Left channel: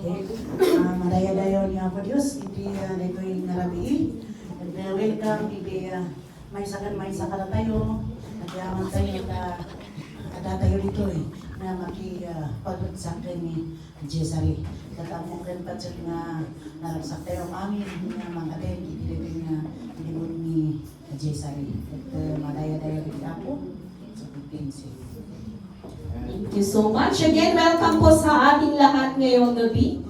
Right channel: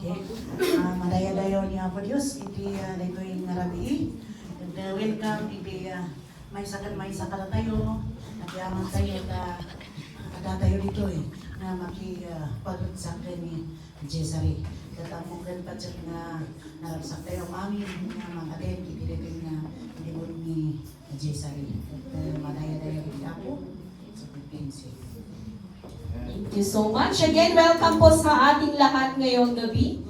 Okay. Madaya-dayo niya ako Diyos, hindi nito yung narabi. And welcome, ibi may sakit na tayo. Nagyaman tayo na ada tayo dito na makipagsakin ni Jesari. Katamong rin pa siya nga naragsak tayo amin na mga din, itilipin na libon ni Jesari. At madaya-dayo din ako sa Pilipinas. Thank you so much. Again, welcome po sa ating lahat ngayong gabi.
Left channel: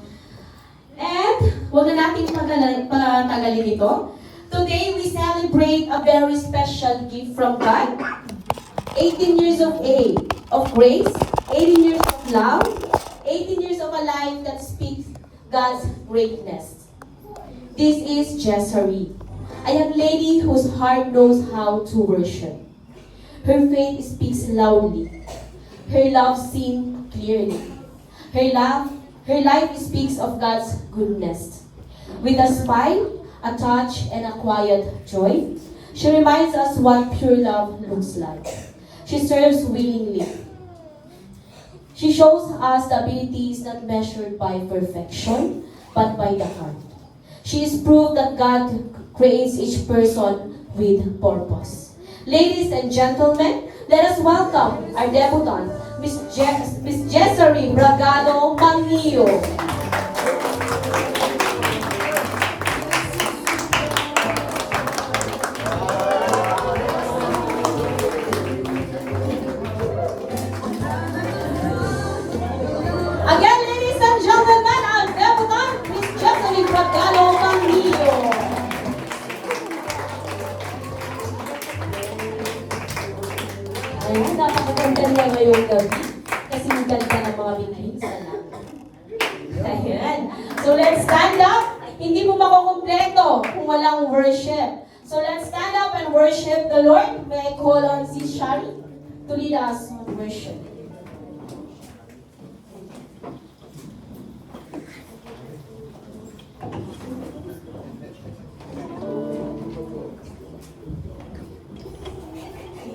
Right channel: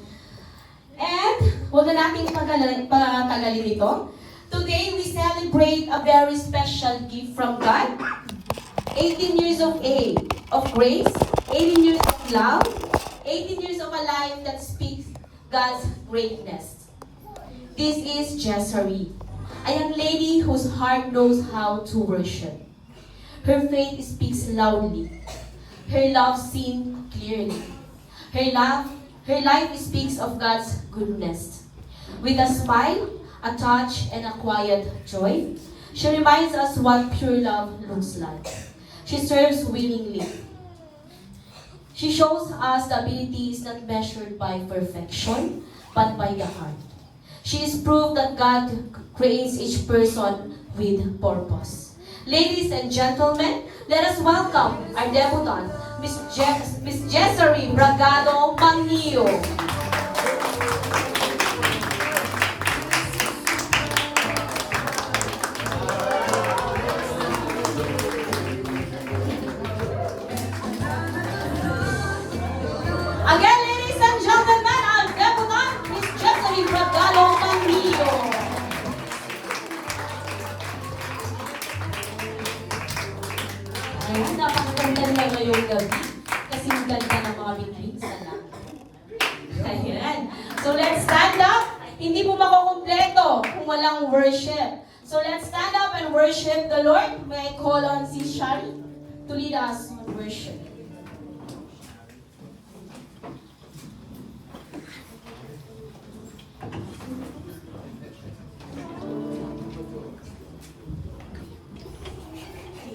And huwag na natin patagalin ito. Today, we celebrate a very special gift from God. 18 years of age, of grace, 18 years of love, 18 years of a life that speaks God's greatness. This is Jessery, a young lady whose heart knows how to worship. Her faith speaks loudly. Her love seen clearly. Her life speaks of God's goodness. With a smile, a touch, and a quiet joy, she reminds us what pure love looks like. She serves willingly. She shows us the ability is not measured by perfection, but by the heart. She is proof that God creates each person with purpose. Ladies and gentlemen, let us welcome our debutant, Miss Jessery Bragado Mangio. Again, ladies and gentlemen, our debutant, Miss Jessery Bragado Mangio. Ayun, napakaganda niya ngayong gabi. Kasi ang ganda ng mga bigling sa langit. Ayan. So let's stand up. Hindi mo makukumpleto kung walang worship. So let's stand up and worship the Lord. May I call on si Shari to lead us on worship.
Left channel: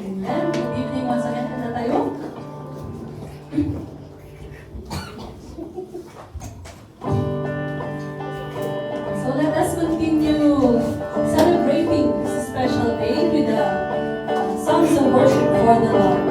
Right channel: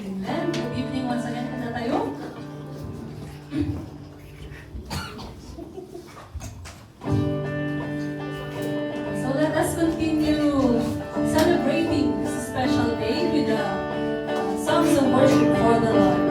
Amen. Good evening once again po tayo. So let us continue celebrating this special day with the songs of worship for the Lord.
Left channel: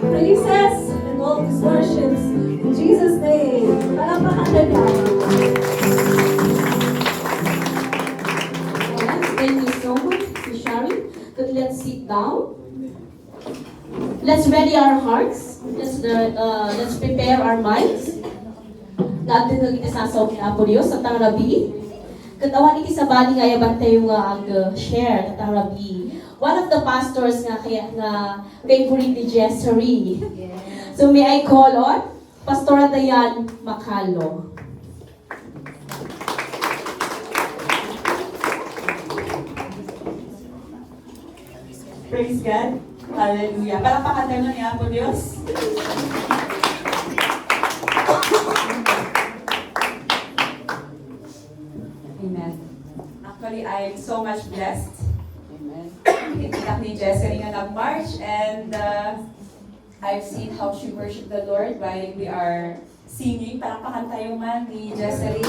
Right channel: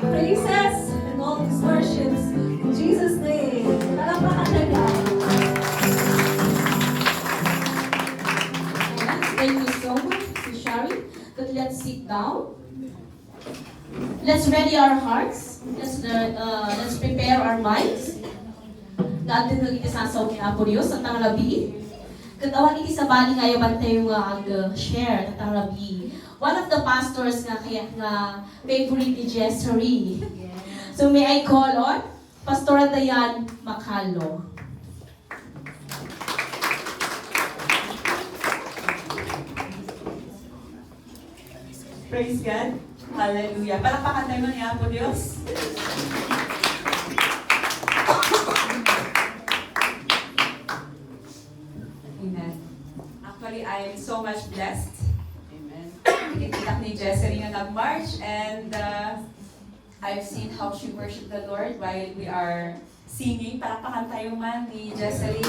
praises and all His worships. In Jesus' name. Palakpakan na ka. Alright, thank you so much, Ms. Shari. But let's sit down. Let's ready our hearts. Let's prepare our minds. Natin nga iti sasaw ni Apo Dios sa tang labi. Katawan iti sa bali nga yaban tayo nga ag-share sa tang labi. One of the pastors nga kaya nga favorite ni Jessery. So may I call on Pastor Dayan Macalo. Praise God. Hallelujah. Palakpakan tayo ni Apo Diyos. Amen. Actually, I am so much blessed. Amen. Ikikiyak ni Jessery nga nag-march and I've seen how she worshiped the Lord while we are singing. Palakpakan tayo man ni Jessery.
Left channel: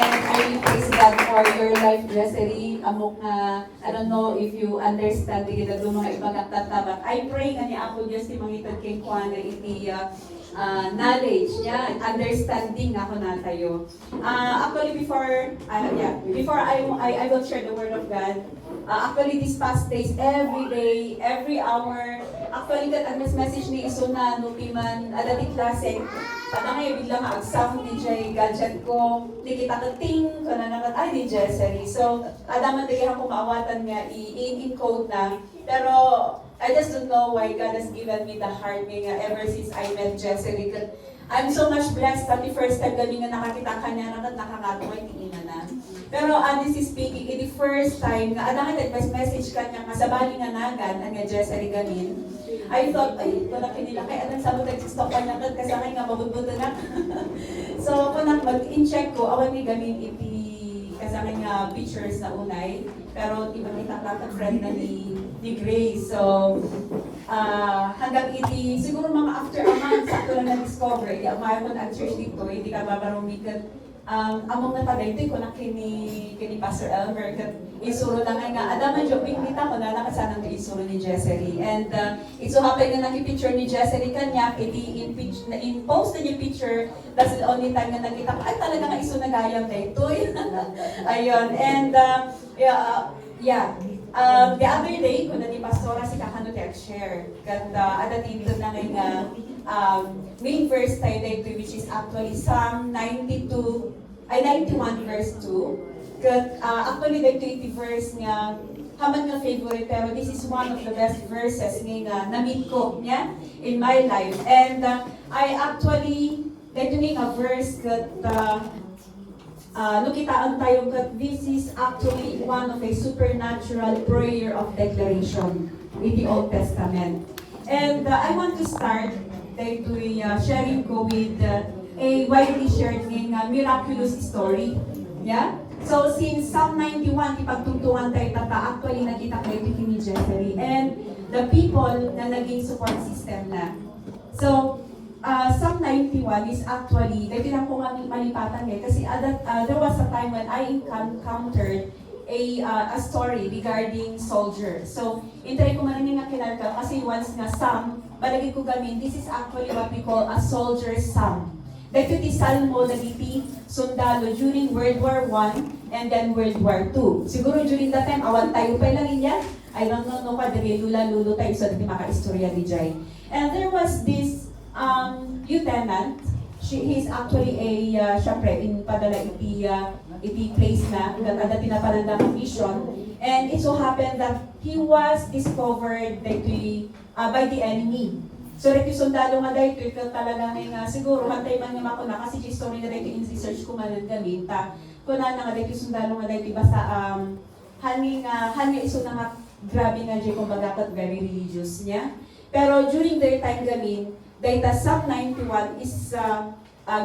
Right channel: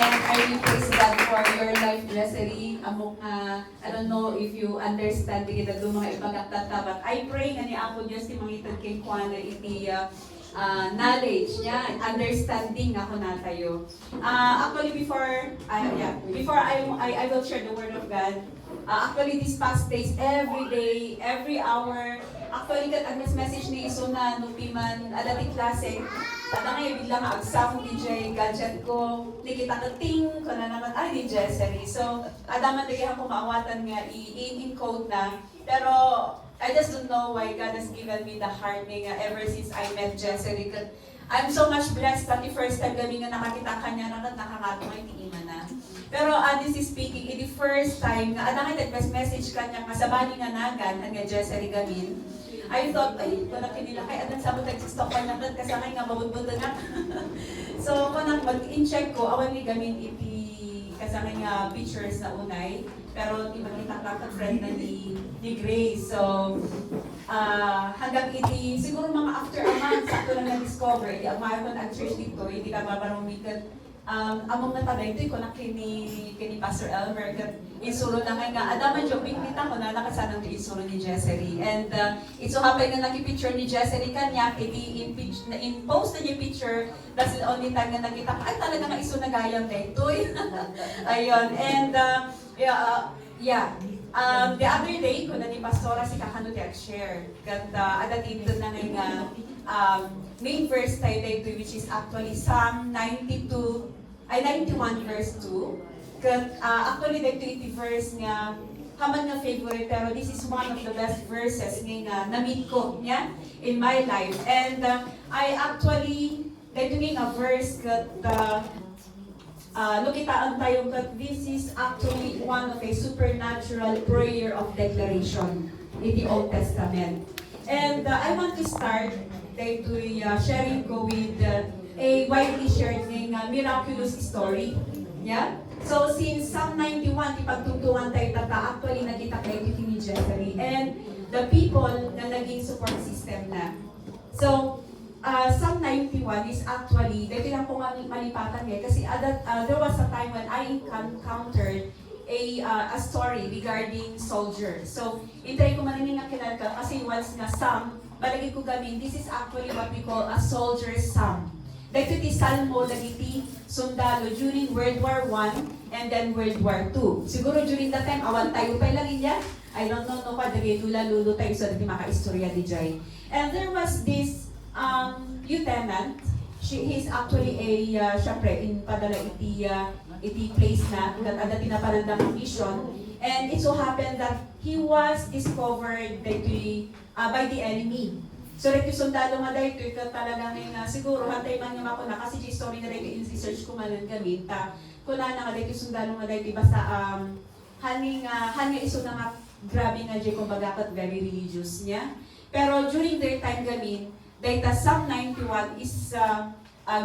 And I really praise God for your life, Jessery. Amok nga, I don't know if you understand the mga ibang katata, but I pray nga ni Apo Diyos ti mangitag kay Juan na iti knowledge niya and understanding ako na tayo. Actually, before I will share the word of God. Actually, these past days, every day, every hour, actually, kat ang message ni Iso na nupiman, adati klase, pada ngayon biglang agsam ni Jay gadget ko, nikita ko ting, ko na naman, ay ni Jessery. So, adaman din ako maawatan nga i-encode na, pero I just don't know why God has given me the heart nga ever since I met Jessery. I'm so much blessed that the first time gabi nga nakakita ka niya naman nakakatawa hindi na. Pero this is speaking, the first time nga nakita message ka niya kasabali nga nagan ang nga Jessery gamin. I thought, ay, wala kinila kay anong sabot nag-stop pa niya kasi akin nga mabudbudo na. So, kung mag-in-check ko, awan ni gamin iti kasama nga pictures na unay. Pero di ba kita friend na ni Grace. So, hanggang iti, siguro mga after a month, sakto lang na-discover, di amaya ko na church dito, hindi ka mabarumikan. Among natabay ito, kung kini Pastor Elmer, isuro lang nga, adaman yung pinita ko na nakasanang isuro ni Jessery. And it so happened na nakipicture ni Jessery kanya, in-post na yung picture, that's the only time na nakita ko, ay talaga nga iso nagayam na ito. Ayun, and the other day, kung na ni Pastora si Kakano share, kat adatin na nga main verse tayo dito, which is actually Psalm 91 verse 2. Kat actually dito iti verse nga haman nga favorite, pero this is one of the best verses nga na-meet ko niya in my life. And I actually, dito nga verse kat lukitaan tayo kat this is actually one of a supernatural prayer of declaration in the Old Testament. And I want to start to sharing ko with a widely shared miraculous story. Yeah? So since Psalm 91, ipagtungtungan tayo actually nakita kayo ni Jessery and the people na naging support system na. So, Psalm 91 is actually, dahil lang po nga malipatan niya, kasi there was a time when I encountered a story regarding soldiers. So, intay ko man nga kinarka, kasi once nga Psalm, balagi ko gamin, this is actually what we call a soldier's psalm. Dahil iti salmo, dagiti sundalo during World War I and then World War II. Siguro during that time, awan tayo pa lang niya. I don't know pa, dali lula-lulo tayo sa dati maka-istorya di Jai. And there was this lieutenant. He is actually syempre, in padala iti place na, at pinapalandang mission. And it so happened that he was discovered by the enemy. So, ito sundalo nga dahil ito talaga nga siguro, hantay man yung ako na, kasi yung story na rin in-research ko man gamit, kung na nga dahil sundalo nga dahil, basta hanging iso na nga, grabe nga dyan kung bagakat very religious niya. Pero during their time gamin, dahil Psalm 91 is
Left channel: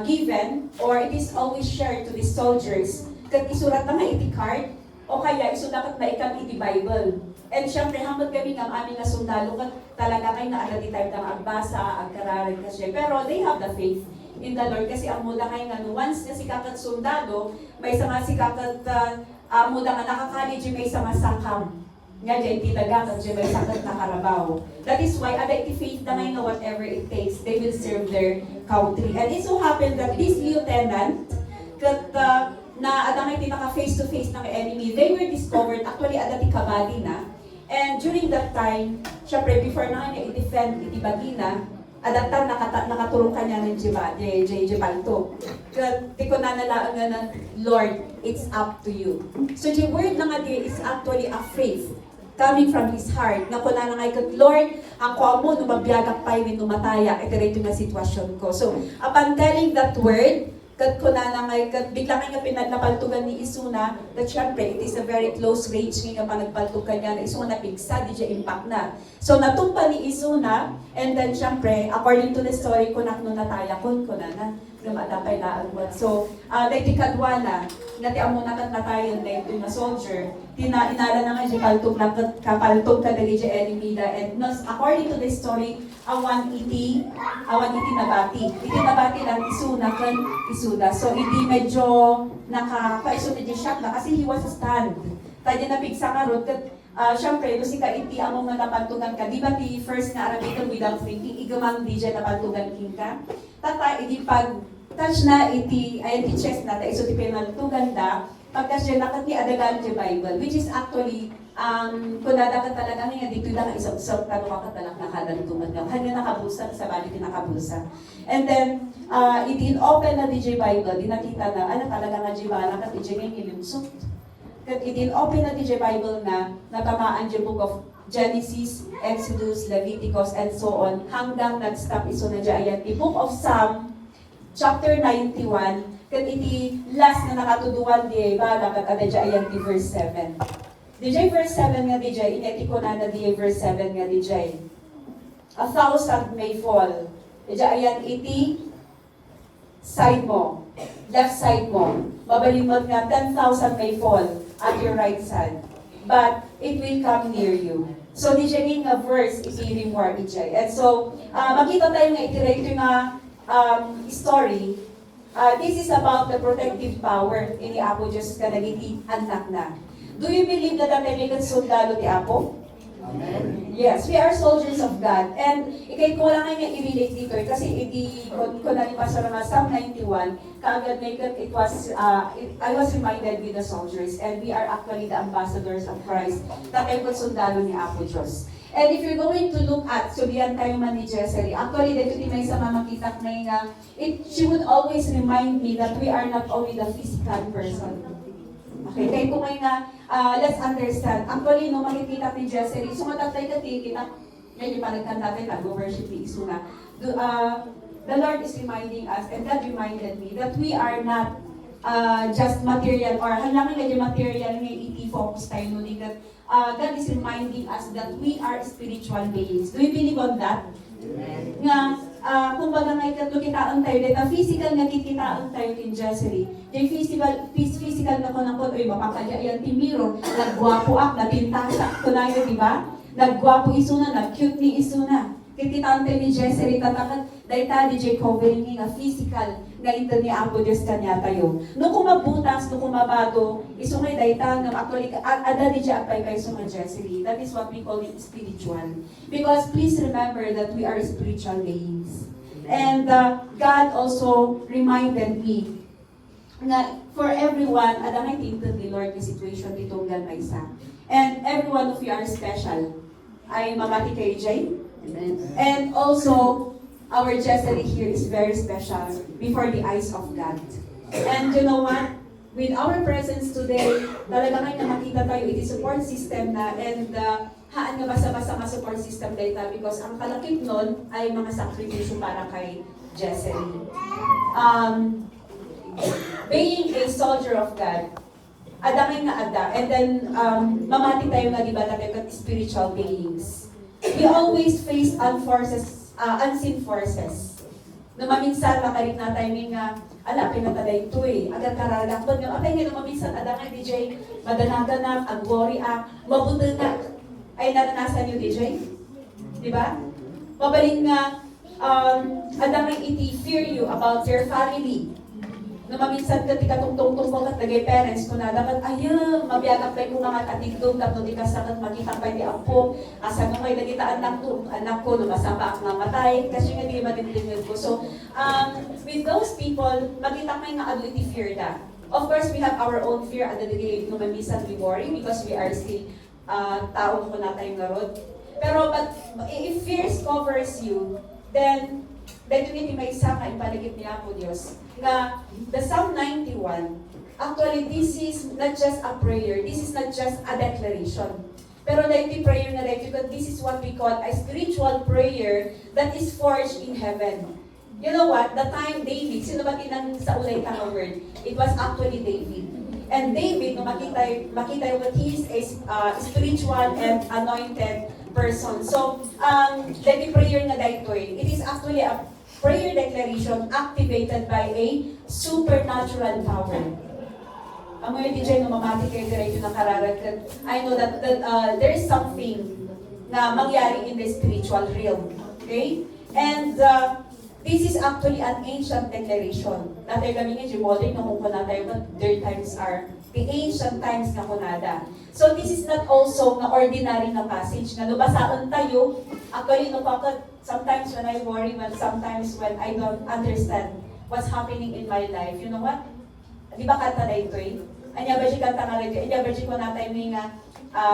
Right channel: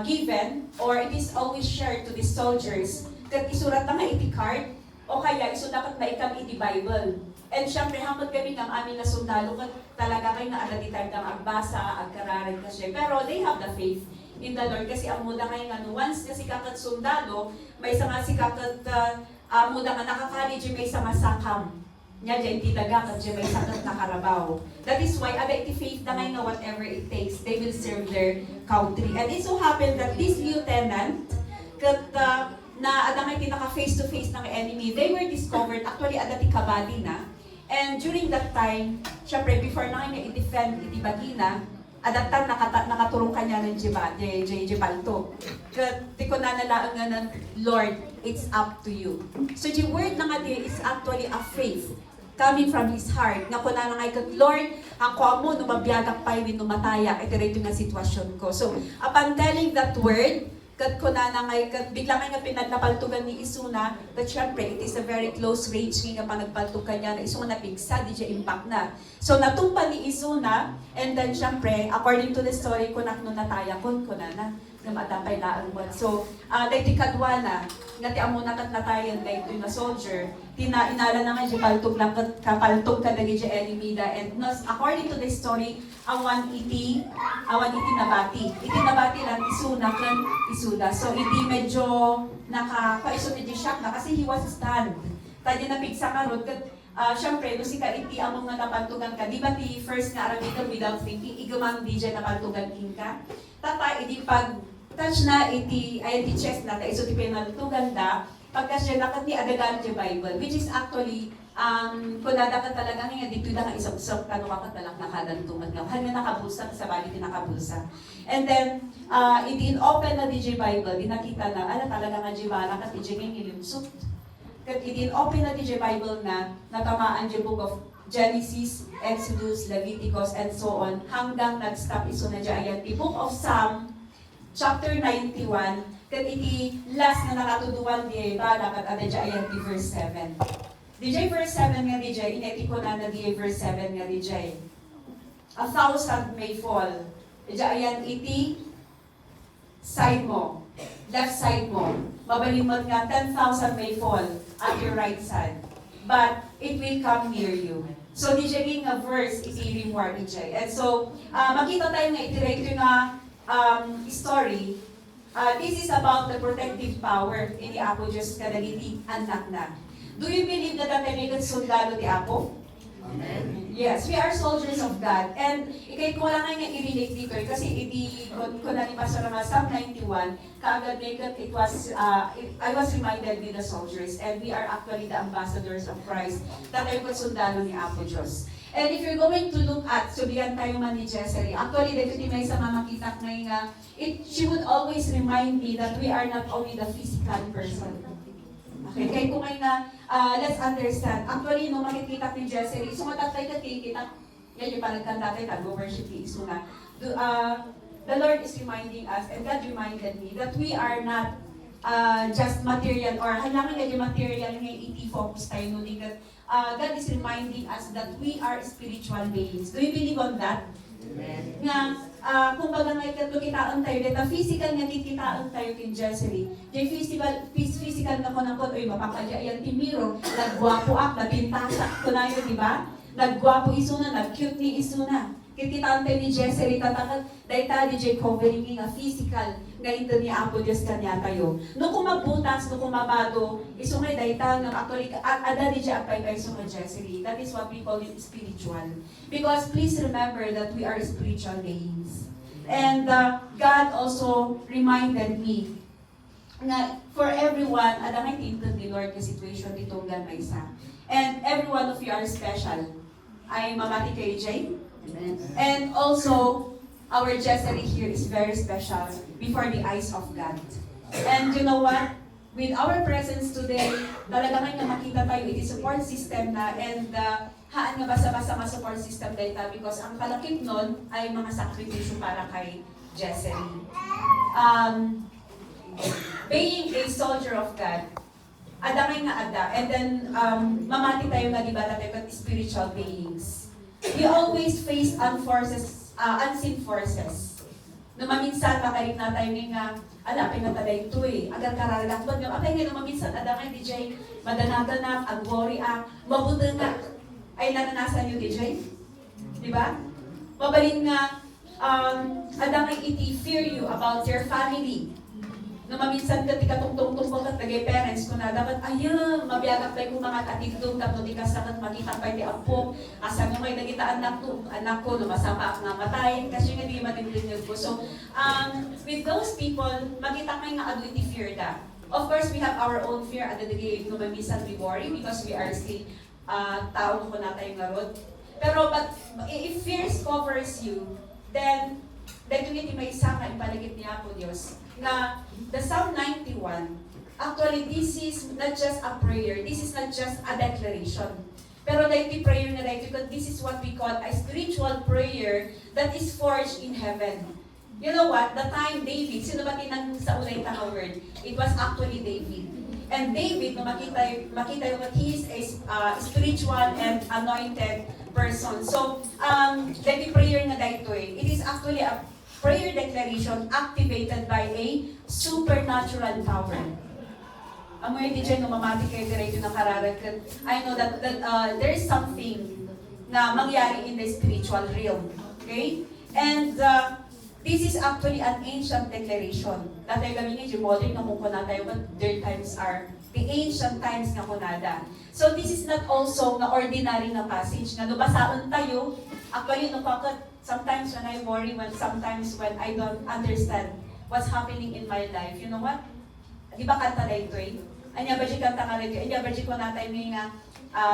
given, or it is always shared to the soldiers, kat isurat na nga iti card, o kaya isudakat na ikam iti Bible. And syempre, hanggang kami ng aming na sundalo, talaga kayo na alati tayo ng agbasa, agkararin kasi. Pero they have the faith in the Lord kasi ang muda kayo nga, once na si kakat sundalo, may isa nga si kakat muda nga nakakaligid, may isa nga sangkam. Nga dyan titagang at dyan may sakit na karabaw. That is why, ada iti faith na ngayon na whatever it takes, they will serve their country. And it so happened that this lieutenant, na ada ngay tinaka face to face ng enemy, they were discovered, actually ada ti kabadi na. And during that time, syempre before na kanya i-defend iti bagina, adatan nakatulong kanya ng Jibalto. Di ko nanalaan nga ng Lord, it's up to you. So the word na nga di is actually a faith coming from his heart. Nga ko na nga kat Lord, ang kuha mo, numabiyagak pa yun, numataya, ito rin yung sitwasyon ko. So, upon telling that word, kat ko na ngay kat bigla nga pinagpaltugan ni Isuna, that syempre it is a very close range nga pa nagpaltugan niya na Isuna pigsa di siya impact na. So natumpa ni Isuna, and then syempre according to the story ko nakno nataya kon ko na lumatapay na agwat. So dahil kadwa na ngati amo nakat natayan dahil ito na soldier inala na nga siya paltog na kapaltog ka dali siya enemy da, and according to the story awan iti nabati lang Isuna kan Isuda. So hindi medyo nakapaiso na shock na kasi he was stunned. Tadi na pigsa karot kat syempre no si ka iti among nga napantugan ka. Di ba ti first nga arabiton without thinking igamang di dyan napantugan ka. Tata iti pag touch na iti chest na ta iso ti pinaltugan da pagkas dyan nakat ni adagan ti Bible, which is actually kung nadakan talaga nga dito na isa-usap ka no makatalang nakadantungan nga kanya nakabusa sa bali pinakabusa. And then iti open na DJ Bible dinakita na ala talaga nga di ba nakat iti nga ilimsot. Kat iti open na DJ Bible na natamaan di book of Genesis, Exodus, Leviticus, and so on hanggang nag-stop iso na dyan the book of Psalm chapter 91 kat iti last na nakatuduan di ba dapat ada dyan di verse 7. DJ verse 7 nga DJ, ineti ko na DJ verse 7 nga DJ. 1,000 may fall. DJ ayan iti side mo, left side mo. Mabalimot nga 10,000 may fall at your right side. But it will come near you. So DJ nga verse iti reward DJ. And so makita tayo nga iti nga story. This is about the protective power ini Apo Diyos kanagiti anak na. Do you believe that may sundalo ti Apo? Amen. Yes, we are soldiers of God. And ikay ko lang nga i-relate dito kasi ko na ni Pastor nga Psalm 91, kaagad it was, I was reminded with the soldiers and we are actually the ambassadors of Christ na kayo sundalo ni Apo Diyos. And if you're going to look at, so diyan tayo man ni Jessery, actually dito di may sa mamakita nga, she would always remind me that we are not only the physical person. Okay, kaya kung ngayon na, let's understand, actually, no, makikita ni Jessery, so matatay ka kita, ngayon yung panagkanta tayo, nag-worship ni Isuna. The Lord is reminding us, and God reminded me, that we are not just material, or halangan na yung material ngayon, iti-focus tayo nung that God is reminding us that we are spiritual beings. Do you believe on that? Amen. Nga, kung baga nga kitaan tayo, dito physical nga kikitaan tayo kin Jessery. Yung physical na ko na ko, mapakadya yan timiro, nagwapo ak, napintasa ko na yun, di ba? Nagwapo Isuna, nag-cute ni Isuna. Kikitaan tayo ni Jessery, tatakat, dahil ta DJ covering nga physical, nga ito ni Apo Diyos kanya tayo. No kumabutas, no kumabago, isumay dahil ta, nga actually, ada DJ apay kayo sa Jessery. That is what we call it spiritual. Because please remember that we are spiritual beings. And God also reminded me na for everyone, ada may tinted ni Lord yung situation dito ng isa. And every one of you are special. Ay mamati kay Jay. And also, our Jessery here is very special before the eyes of God. And you know what? With our presence today, talaga nga makita tayo, iti support system na, and haan nga basa-basa nga support system dito because ang kalakip nun ay mga sakripisyo para kay Jessery. Being a soldier of God, adamay nga ada, and then mamati tayo nga diba tayo spiritual beings. We always face unseen forces. Namaminsan makalit na tayo nga, ala, pinataday ito eh. Agar karalakbad nga, atay nga namaminsan, adangay DJ, madanaganap, agwori mabuti nga, ay naranasan nyo DJ? Diba? Mabalik nga, adangay iti fear you about your family. No maminsan ka ti katungtong ko kat lagay parents ko na dapat ayun mabiyanak pa ko mga katindong tapno di ka sakat makita pa di apo asa mo kay nagita anak ko lumasama ako nga matay kasi nga di matindin ko. So with those people makita kay nga ability fear da. Of course we have our own fear at the day no maminsan we worry because we are still tao ko na tayo nga road. Pero but if fear covers you, then yun may isa ka ipaligid niya po Diyos. Na the Psalm 91, actually this is not just a prayer, this is not just a declaration. Pero like the prayer na like, because this is what we call a spiritual prayer that is forged in heaven. You know what? The time David, sino ba tinang sa ulay tanga word? It was actually David. And David, no makita yung he is a spiritual and anointed person. So, like the prayer na dito it is actually a prayer declaration activated by a supernatural power. Amoy DJ no mamati kayo diretso ng kararagan. I know that there is something na mangyari in the spiritual realm. Okay? And this is actually an ancient declaration. Natay kami nga modern na kung kunada but their times are the ancient times na kunada. So this is not also na ordinary na passage na nabasaan tayo. Actually, no bakit sometimes when I worry, sometimes when I don't understand what's happening in my life, you know what? Di ba kanta na ito eh? Anya ba si kanta nga rin? Anya ba si ko natay nga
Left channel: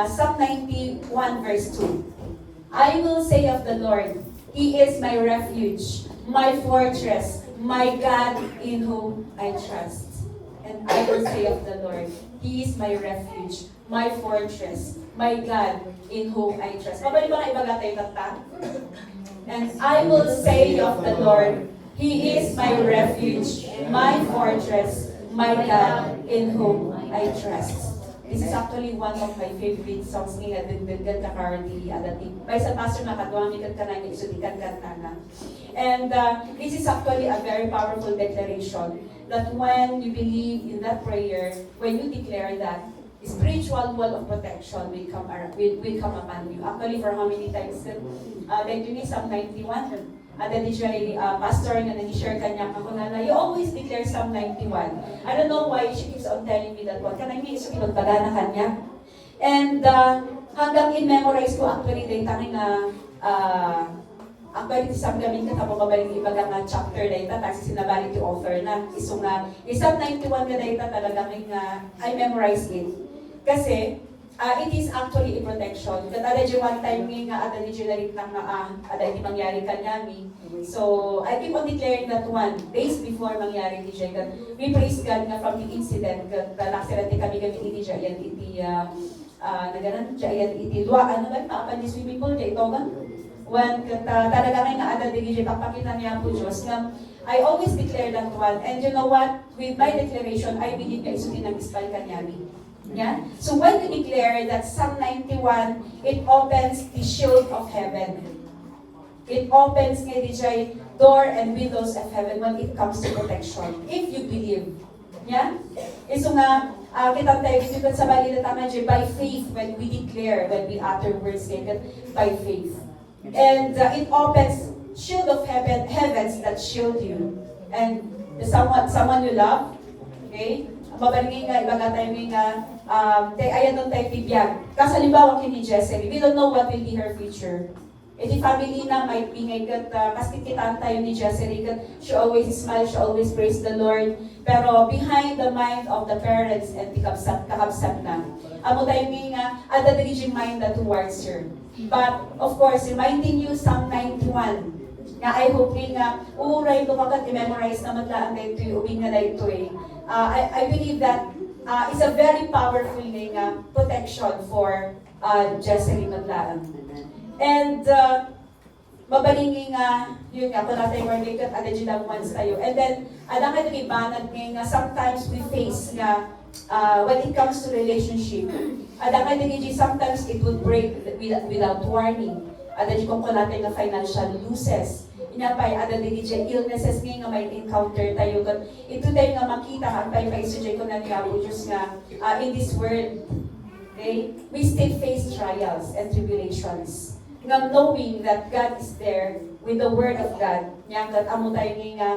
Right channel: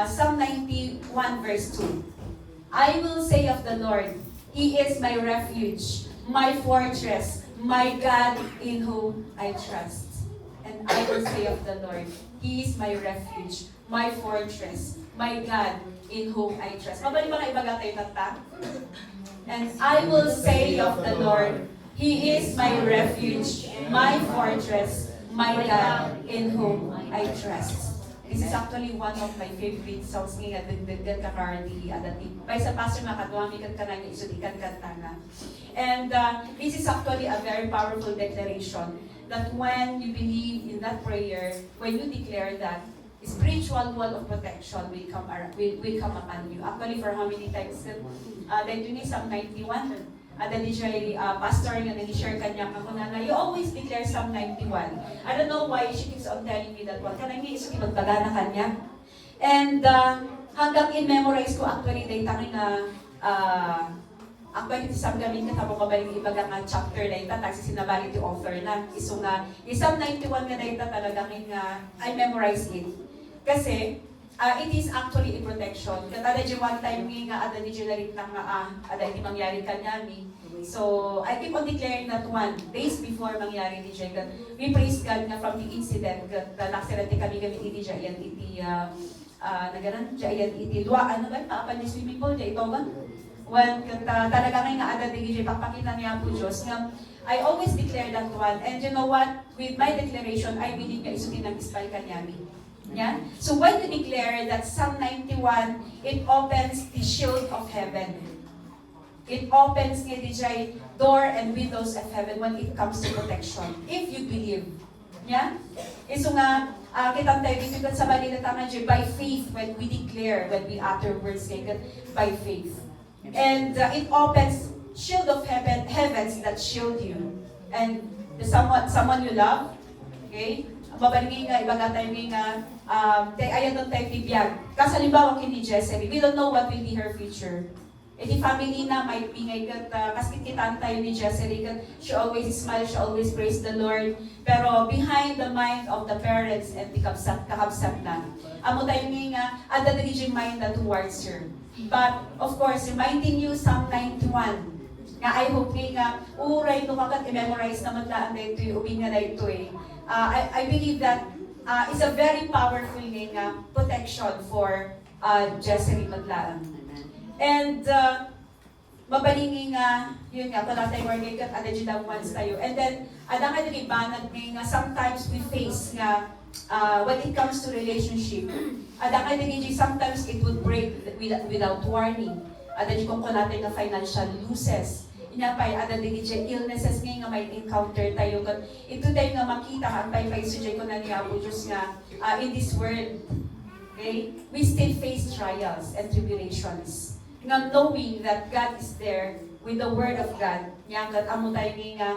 Psalm 91 verse 2. I will say of the Lord, He is my refuge, my fortress, my God in whom I trust. And I will say of the Lord, He is my refuge, my fortress, my God in whom I trust. Mabalik ba kayo bagatay kanta? And I will say of the Lord, He is my refuge, my fortress, my God in whom I trust. This is actually one of my favorite songs nga dagdagan ka kardi adati. By sa pastor na kadwa mi kat kanang isudikan kanta. And this is actually a very powerful declaration that when you believe in that prayer, when you declare that, spiritual wall of protection will come upon you. Actually, for how many times? Like yun Psalm 91, the DJ pastor nga nag-share kanya ako na you always declare Psalm 91. I don't know why she keeps on telling me that one. Kanang ni iso ibagbaga na kanya. And hanggang in-memorize ko actually data nga actually isang gamin ka tapos mabalik ibaga nga chapter data tapos sinabali to offer na iso nga Psalm 91 nga data talaga nga I memorize it. Kasi, it is actually a protection. Kada di one time nga, ada di generate na ada di mangyari kanyami. So, I keep on declaring that one, days before mangyari di dyan. We praise God nga from the incident, naksilante kami iti dyan, iti, naganan dyan, iti, dua, ano ba, maapan ni swimming pool, dyan, ito ba? When talaga nga ada di dyan, papakita niya po Diyos, nga, I always declare that one. And you know what? With my declaration, I believe na isutin ang ispal kanyami. Yeah? So when you declare that Psalm 91, it opens the shield of heaven. It opens the door and windows of heaven when it comes to protection. If you believe. Yeah? So nga, kita tayo dito sa balita tama by faith when we declare, when we utter words by faith. And it opens shield of heavens that shield you. And someone you love, okay? Mabalingin nga, ibaga tayo nga, ayan doon tayo tibiyag. Kasi halimbawa kini Jessery, we don't know what will be her future. E di family na might be ngayon, kasi kitaan tayo ni Jessery, she always smile, she always praise the Lord. Pero behind the mind of the parents and kakabsat na, amo tayo nga, ada the region mind that towards her. But, of course, reminding you Psalm 91, nga I hope nga, uray ko kagat, i-memorize naman laan na ito, uwi nga na ito eh. I believe that it's a very powerful protection for Jessery Maglaan. And mabalingi nga, yun nga, kung natin work kat, ada dyan once tayo. And then, ada nga din ibanag nga, sometimes we face nga, when it comes to relationship, ada nga din sometimes it would break without warning. Ada dyan kung natin na financial losses. Inapay, ada din dyan illnesses nga may encounter tayo. Ito tayo nga makita, ang tayo pa isudyan ko na niya, Diyos nga, in this world, okay, we still face trials and tribulations. nga knowing that God is there with the Word of God. Yang kat amo tayo nga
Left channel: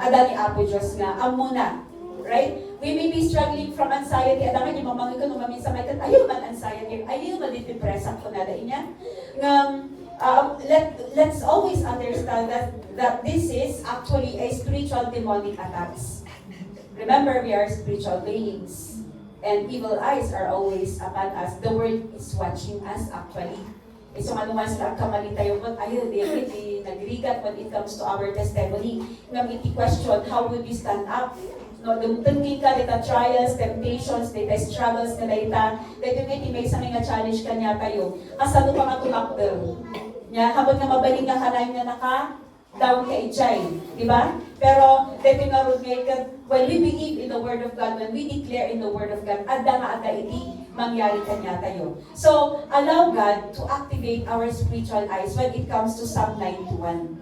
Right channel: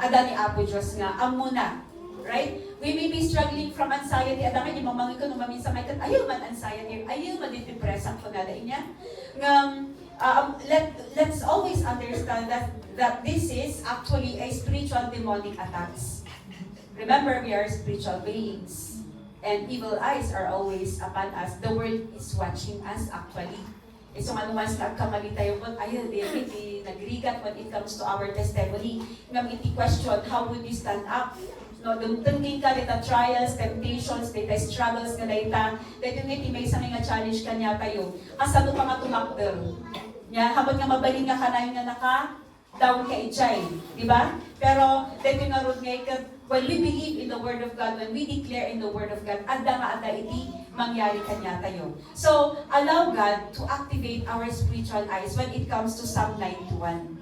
ada ni Apo Diyos nga amo na. Right? We may be struggling from anxiety. Adaman yung mamangin ko nung maminsan may kat ayaw man anxiety, ayaw man depress ako na dahil niya. Let's always understand that this is actually a spiritual demonic attacks. Remember, we are spiritual beings. And evil eyes are always upon us. The world is watching us actually. So manuman sa kamali tayo mo, ayun, di nagrigat when it comes to our testimony. Ngam iti question, how would we stand up? No, dumtungin ka, dita trials, temptations, dita struggles ka dita. Dito nga iti may isang nga challenge kanya tayo. Kasado pa nga tumakbel. Nga, habang nga mabaling nga kanay nga naka, down ka ijay. Diba? Pero, dito nga road nga, when we believe in the Word of God, when we declare in the Word of God, adda nga adda iti mangyari kanya tayo. So, allow God to activate our spiritual eyes when it comes to Psalm 91.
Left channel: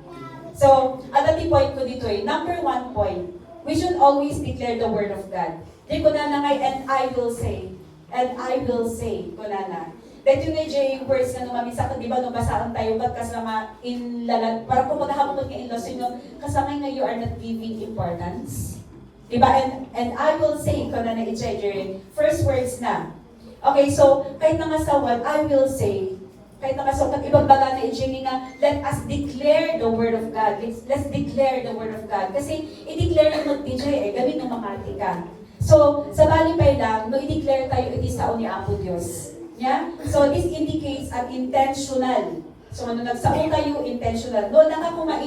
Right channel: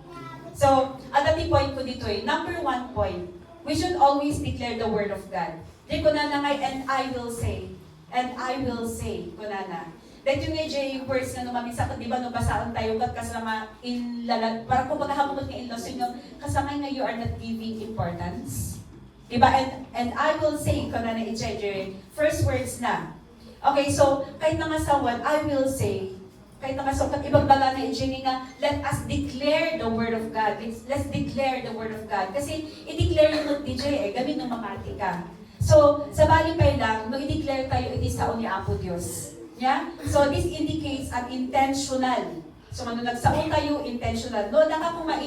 So, at the point ko dito number 1 point, we should always declare the Word of God. Di ko na ngay, and I will say, ko na. Dahil yung nga words nga numamin sa akin, di ba, nabasaan tayo, ba't kasama in lalat, parang kung magkahamot nga in laws, yung kasama nga you are not giving importance. Diba? And I will say, ko na i-JJ, first words na. Okay, so, kahit na masawan, I will say, kahit na masawan, ibang baga na i-JJ nga, let us declare the Word of God. Let's declare the Word of God. Kasi, i-declare yung i-JJ, gamit ng makati ka. So, sa balipay lang, no, i-declare tayo iti-sao ni Apo Diyos. Yeah? So, this indicates an intentional. So, ano nagsabong tayo, intentional. No, nakakumba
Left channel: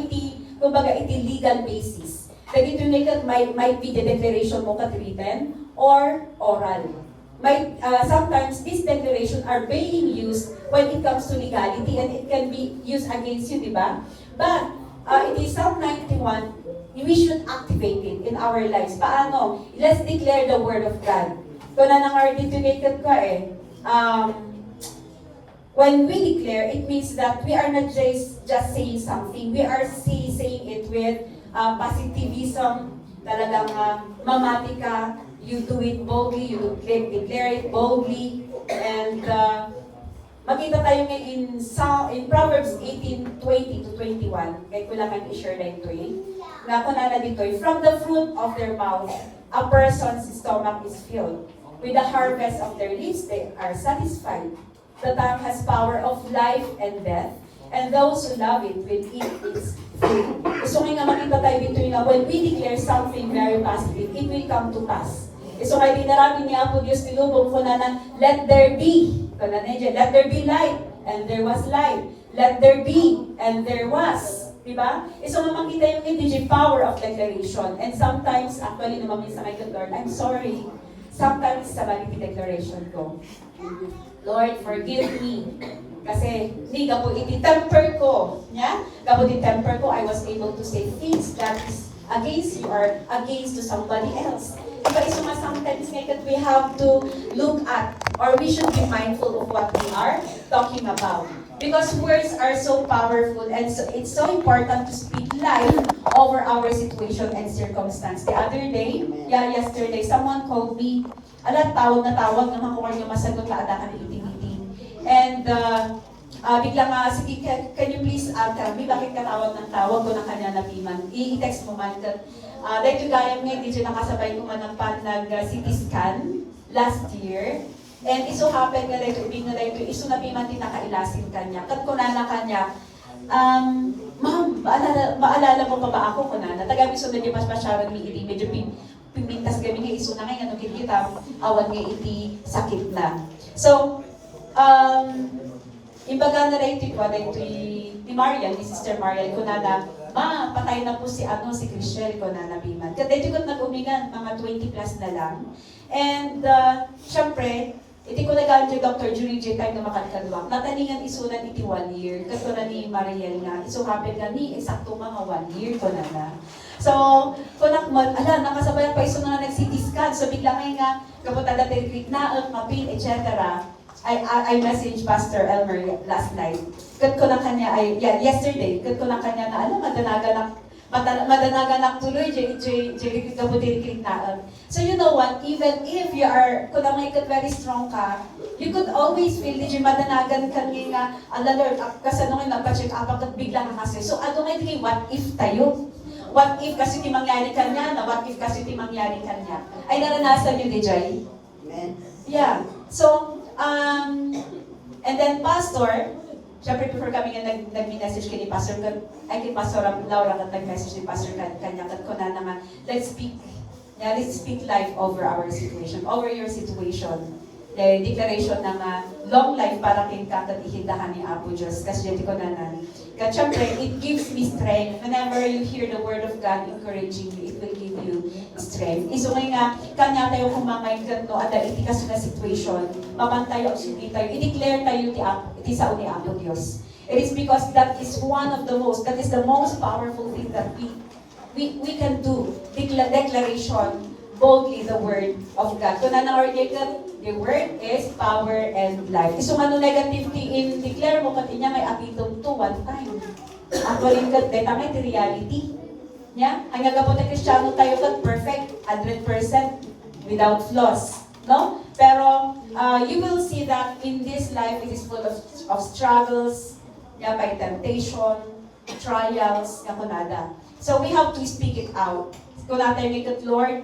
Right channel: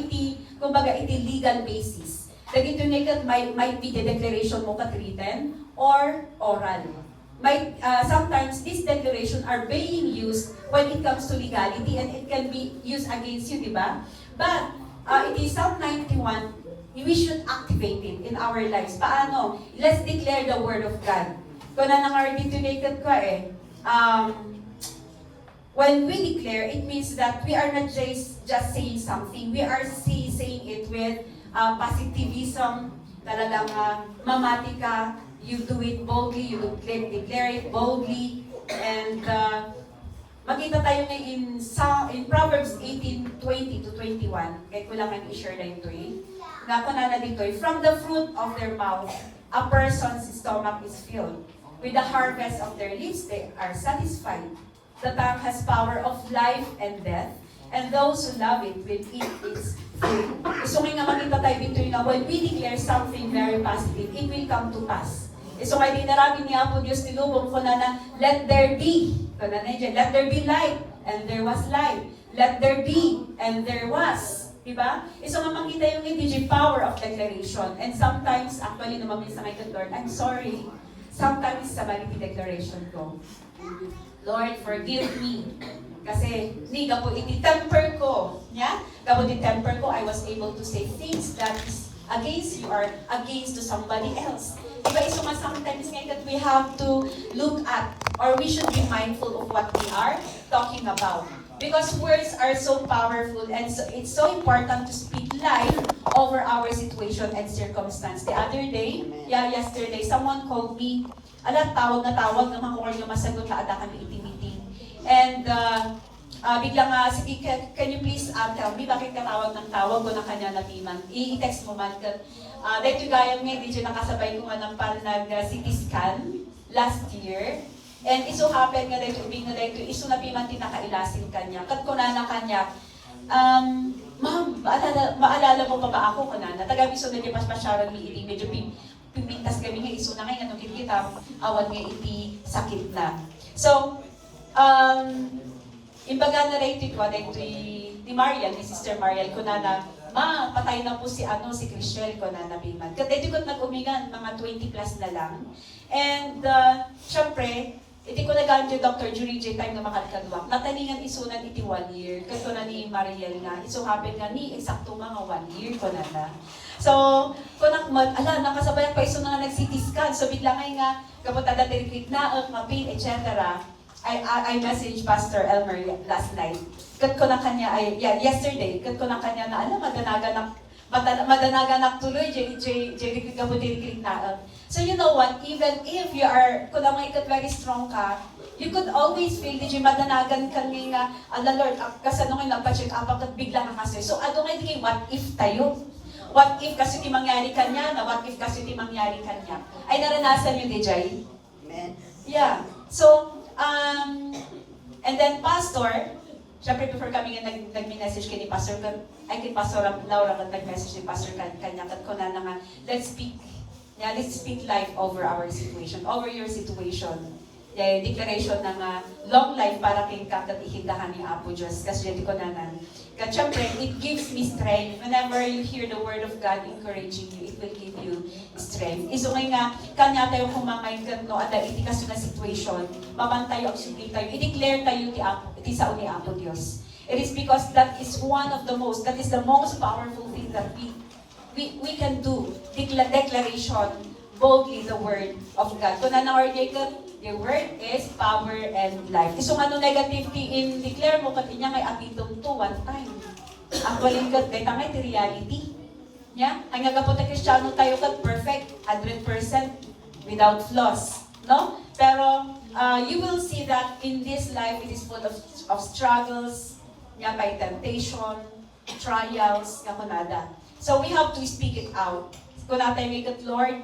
kumbaga iti legal basis. Dagito might be the declaration mo kat written or oral. Sometimes these declarations are being used when it comes to legality and it can be used against you, di ba? But in Psalm 91, we should activate it in our lives. Paano? Let's declare the Word of God. Kung na nang-articulated ka when we declare, it means that we are not just saying something. We are saying it with positivism, talagang mamati ka, you do it boldly, you declare it boldly, and makita tayo ngayon in Proverbs 18:20 to 21, kahit ko lang i-share na ito na kunana dito, from the fruit of their mouth, a person's stomach is filled. With the harvest of their lips, they are satisfied. The tongue has power of life and death, and those who love it will eat its fruit. So nga makita tayo dito when we declare something very positive, it will come to pass. So kaya dinarami ni Apo Diyos nilubong ko na let there be. Let there be light, and there was light. Let there be, and there was. Diba? So makita yung hindi power of declaration. And sometimes, actually, naman sa kay Lord, I'm sorry. Sometimes sa vanity declaration ko, Lord, forgive me. Kasi, hindi ka po iti-temper ko. Yeah? Kapag iti-temper ko, I was able to say things that is against you or against to somebody else. Diba, so nga sometimes ngayon we have to look at or we should be mindful of what we are talking about. Because words are so powerful and so, it's so important to speak life over our situation and circumstance. The other day, yesterday, someone called me, tawag na makuha yung masagot na ada kami meeting. And biglang sige, can you please tell me bakit ka tawag ng tawag ko na kanya napiman? I-text mo man ka. Dahil gaya nga, dito nakasabay ko man ng nag-CT scan last year. And iso happen nga dahil ibig na dahil iso na piman tinakailasin kanya. Kat kunana kanya, ma'am, maalala mo pa ba ako kunana? Taga-iso na lipas pa siya rin ili, medyo pimpintas kami nga iso na ngayon, kita awan nga iti sakit na. So, imbaga na dahil ito, ni Marian, ni Sister Marian, kunana, patay na po si Chriselle ko na nabiman. Kasi dito ko nag-umingan, mga 20 plus na lang. And, syempre, iti ko nagaan yung Dr. Julie J. time na makalikalwak. Natalingan isunan iti 1 year. Kato na ni Mariel na. Iso happen nga ni eksakto mga 1 year ko na. So, kung nakasabay pa iso na nag-CT scan. So, biglang nga, kapunta na tayo na, mapin, etc. I messaged Pastor Elmer last night. Kat ko na kanya, yesterday, kat ko na kanya na, madanaga na, Madanaganak tuloy, Jerry ka po dinikitaan. So you know what, even if you are, kung na may very strong ka, you could always feel, di madanagan ka nga, ala Lord, kasanungin na pa-check up at bigla ka kasi. So ano nga di, what if tayo? What if kasi ti mangyari kanya, na what if kasi ti mangyari kanya? Ay naranasan yun, Jay? Amen. Yeah. So, and then Pastor, syempre before kami nga nag-message kay ni Pastor, kay Pastor Laura at nag-message ni Pastor kanya kat ko na naman, let's speak life over our situation, over your situation. The declaration ng long life para kay kakat ihindahan ni Apo Diyos. Kasi yun ko na nan. Kat syempre, it gives me strength. Whenever you hear the word of God encouraging you, it will give you strength. Iso nga, kanya tayo kumamay kat no, at iti kaso na situation, mamantayo, hindi tayo, i-declare tayo ti sa ni Apo Diyos. It is because that is that is the most powerful thing that we can do. Declaration, boldly the word of God. Kung the word is power and life. Iso nga no negativity in declare mo kat inya may atitong to one time. Actually, kat deta may reality. Yeah? Ang nagapo tayo Kristiyano tayo kat perfect, 100% without flaws. No? Pero you will see that in this life it is full of struggles, yeah, by temptation, trials, kakunada. So we have to speak it out. Kung natin kat Lord,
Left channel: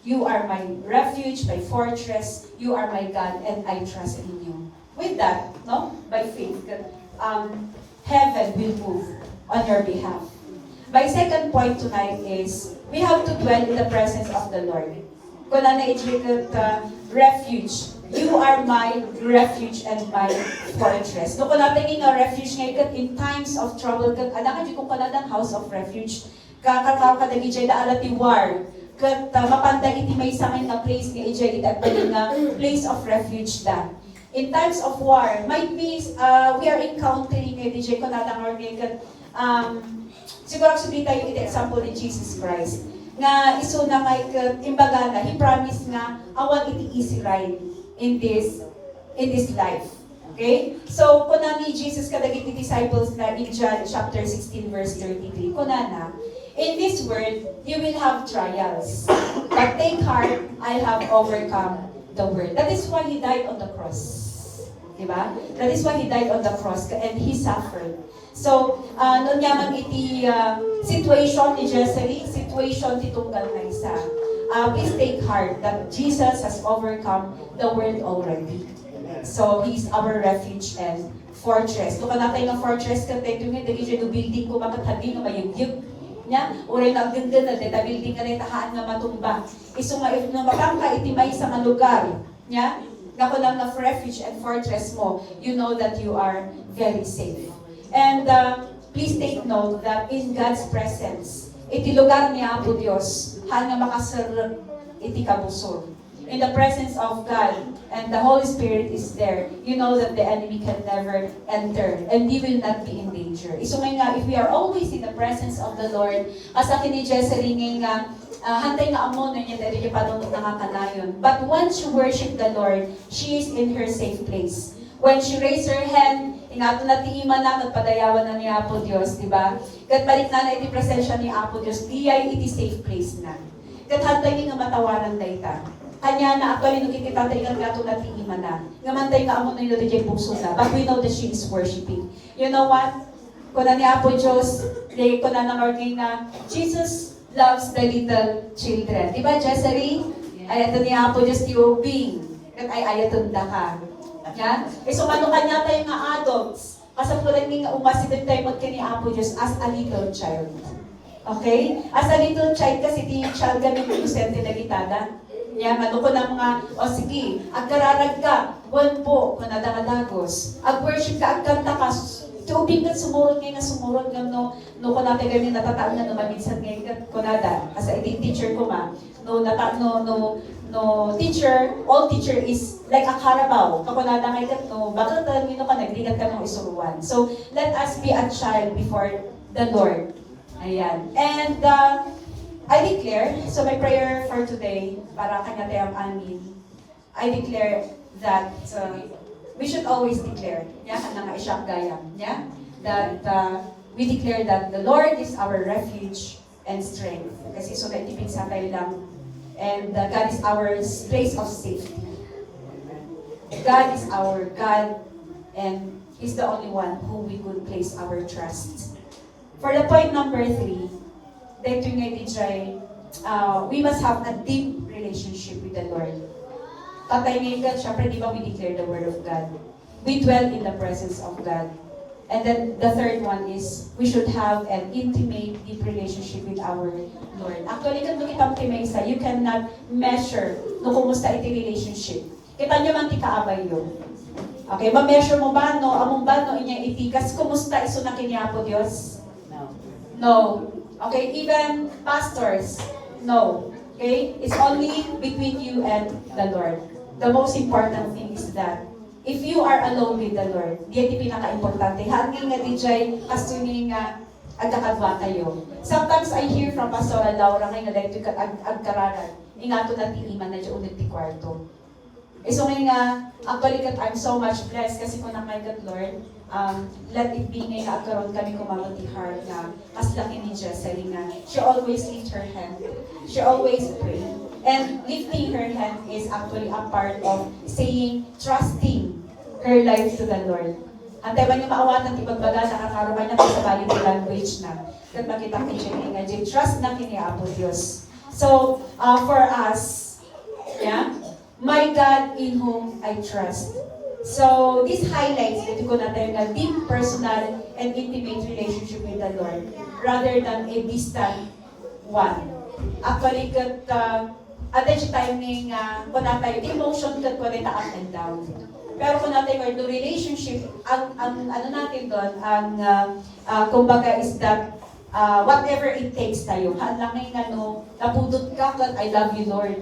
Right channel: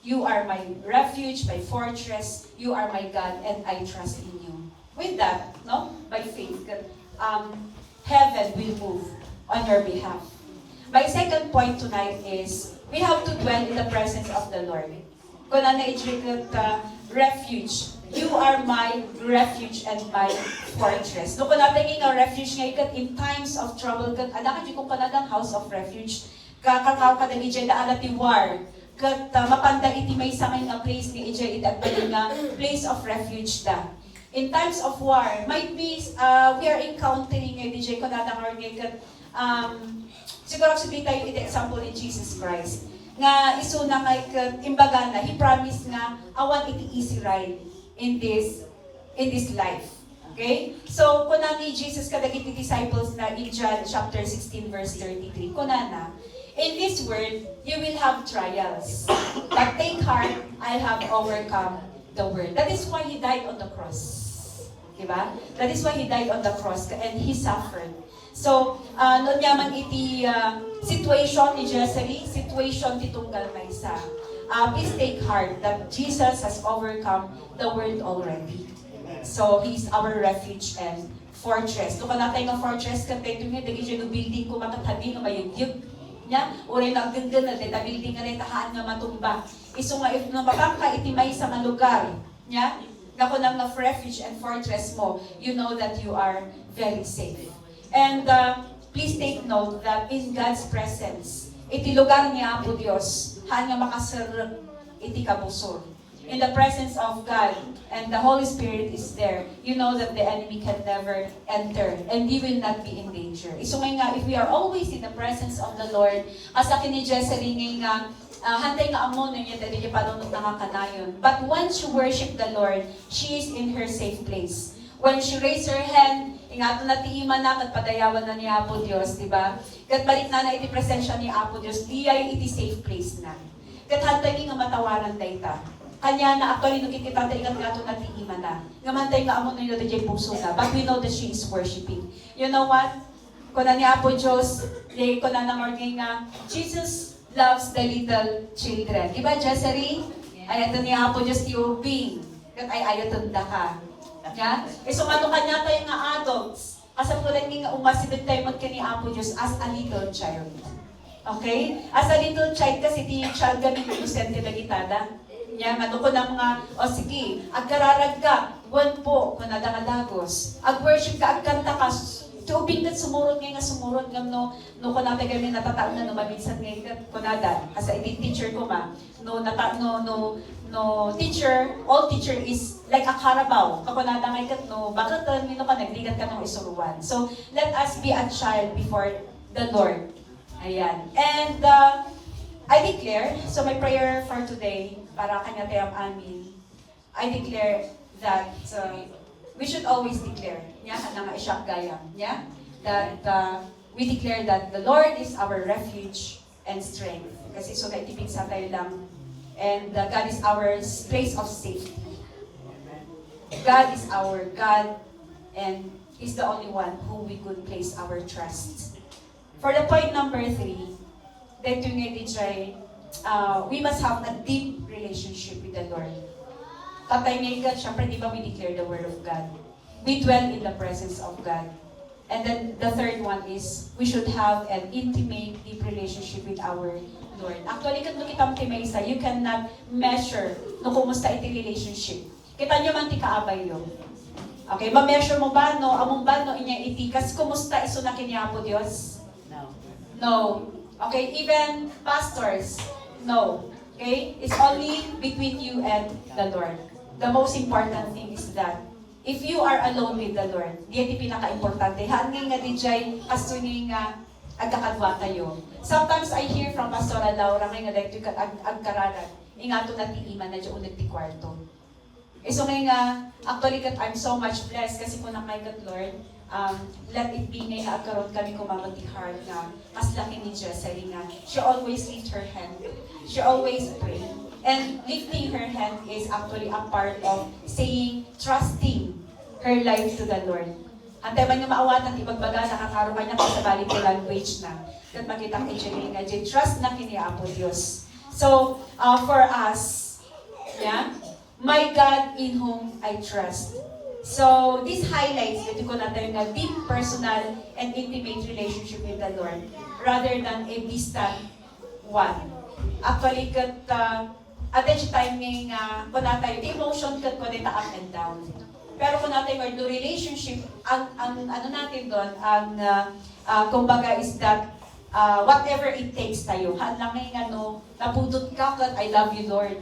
You are my refuge, my fortress. You are my God, and I trust in you. With that, no, by faith, heaven will move on your behalf. My second point tonight is we have to dwell in the presence of the Lord. Kung refuge, you are my refuge and my fortress. No, kung natin nga refuge ngayon, in times of trouble, anak ka kung paladang house of refuge, kakakaw ka na ijay na alati war, kat mapandag iti may samay nga place nga ijay at bali nga place of refuge da. In times of war, might be we are encountering nga ijay ko natang or nga siguro sabihin tayo iti example ni Jesus Christ nga iso na kay imbaga na he promised nga awan iti easy ride in this life. Okay? So, kuna ni Jesus kadagiti disciples na in John chapter 16 verse 33, kuna na, in this world, you will have trials. But take heart, I have overcome the world. That is why He died on the cross. Diba? That is why He died on the cross and He suffered. So, noon yaman iti situation ni Jezreel, situation ti tunggal na isa. Please take heart that Jesus has overcome the world already. So, He's our refuge and fortress. Kung natin ng fortress, kasi ito nga, dagi siya building ko matathabi nga mayugyug. Nya, uray nagdengden na deta building ka na itahaan nga matumba. Iso nga if na mabangka itimay sa nga lugar. Nya, kako nang na refuge and fortress mo, you know that you are very safe. And please take note that in God's presence, iti lugar ni Apo Dios, han nga makasarap iti kabusol. In the presence of God and the Holy Spirit is there, you know that the enemy can never enter and you will not be in danger. Iso nga, if we are always in the presence of the Lord, asa kini Jezreel nga, hantay nga amon niya dali niya panunod nga kanayon. But when she worship the Lord, she is in her safe place. When she raise her hand, ingato na tiiman na, kat padayawan na ni Apo Dios, di ba? Kat balik na iti presensya ni Apo Dios, di ay iti safe place na. Kat hantay nga matawanan dayta. Kanya na actually nung ikitantay nga gato na tiiman na. Ngamantay ka amon na yun DJ puso na. But we know that she is worshiping. You know what? Kung na ni Apo Diyos, kung na nangorging na, Jesus loves the little children. Di ba, Jezreel? Ay, ito ni Apo Diyos, tiubing. Kat ay ayatong ka. Yan? E so, ano kanya tayo nga adults? Kasapuran nga umasidod tayo magka ni Apo Diyos as a little child. Okay? As a little child kasi ti child kami kusente na gitada. Yan, ano ko ng mga, sige, agkararag ka, buwan po, manadang-adagos. Ag-worship ka, agkanta ka, tubig ka, sumurot nga, no ko natin kami natataan na naman minsan ngayon, kunada, asa iti teacher ko ma, teacher, all teacher is like a Carabao, kakunada ngayon, no, bakit nino ka, nagligat ka ng isuruan. So, let us be a child before the Lord. Ayan. And, I declare, so my prayer for today, para kanya tayang amin, I declare that we should always declare, yeah, na nga isyang gayam, yeah? that we declare that the Lord is our refuge and strength. Kasi so naitipid sa tayo lang. And God is our place of safety. God is our God, and He's the only one who we could place our trust. For the point number 3, dito nga DJ, we must have a deep relationship with the Lord. Tatay ngayon, syempre di ba we declare the Word of God? We dwell in the presence of God. And then the third one is, we should have an intimate, deep relationship with our Lord. Actually, kung kita sa, you cannot measure no kumusta iti relationship. Kita nyo man ti kaabay yun. Okay, ma-measure mo ba, no? Among ba, no? Inya itikas, kumusta iso na kiniapo Diyos? No. Okay, even pastors, no. Okay, it's only between you and the Lord. The most important thing is that if you are alone with the Lord, diyan di pinaka-importante. Hangin nga DJ, kastunin nga agkakadwa kayo. Sometimes I hear from Pastor Laura ngayon na dahil agkaranan, ingato na ti iman na dyan unag ti kwarto. So ngayon nga, actually I'm so much blessed kasi kung nakaigat Lord, let it be ngayon na agkaroon kami kumamati heart na mas laki ni Jessery na she always lift her hand. She always pray. And lifting her hand is actually a part of saying, trusting her life to the Lord. Antay ba niyo maawatan, ibagbaga, nakakaroon ka niya kung sa bali language na. Kat makita ki Jenny nga, trust na kiniapo Diyos. So, for us, yeah, my God in whom I trust. So, this highlights that ko natin a deep personal and intimate relationship with the Lord rather than a distant one. Actually, kat at the timing, kung natin, the emotion kat ko natin up and down. Pero kung natin, the relationship, ang ano natin doon, kumbaga is that, whatever it takes tayo, halangin napudot ka kat, I love you Lord.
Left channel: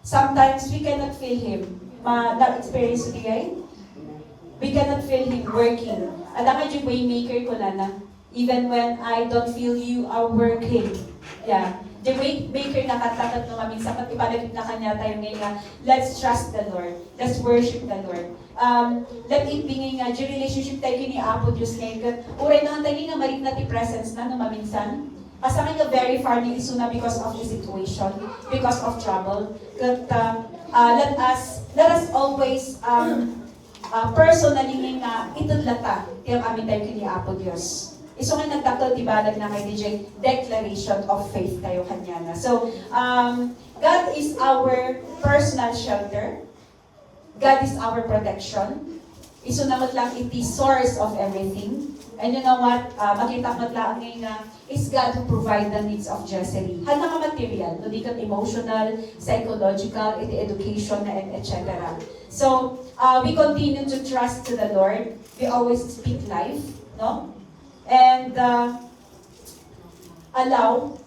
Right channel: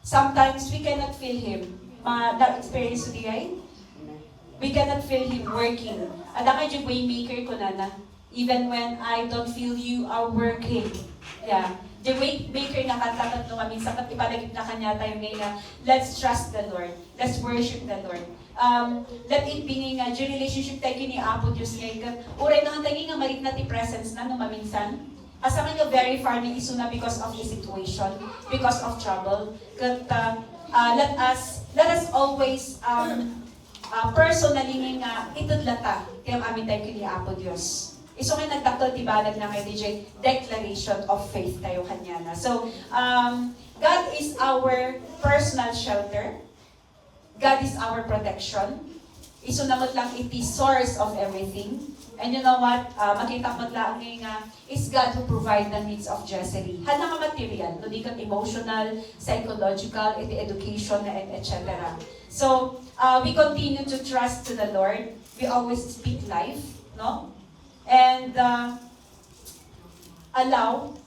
Sometimes we cannot feel Him. Na-experience ko right? We cannot feel Him working. Alam nga yung waymaker ko na, even when I don't feel you are working. Yeah. The waymaker na katakat no maminsan at ibalagit na kanya tayo ngayon, let's trust the Lord. Let's worship the Lord. Let it be nga, yung relationship tayo kini Apo Diyos ngayon. Uray na tayo nga marit na ti presence na no maminsan. Asa nga very far ni isuna because of the situation, because of trouble. Let us always personally nga itudlata kaya amin tayo kini Apo Diyos. Iso nga nagtakal tibalag na kay DJ, declaration of faith tayo kanya na. So, God is our personal shelter. God is our protection. Iso naman lang iti source of everything. And you know what? Makita mo lang nga, is God who provide the needs of Jessery. Hal na material, no di kat emotional, psychological, iti education, and etc. So, we continue to trust to the Lord. We always speak life, no? And allow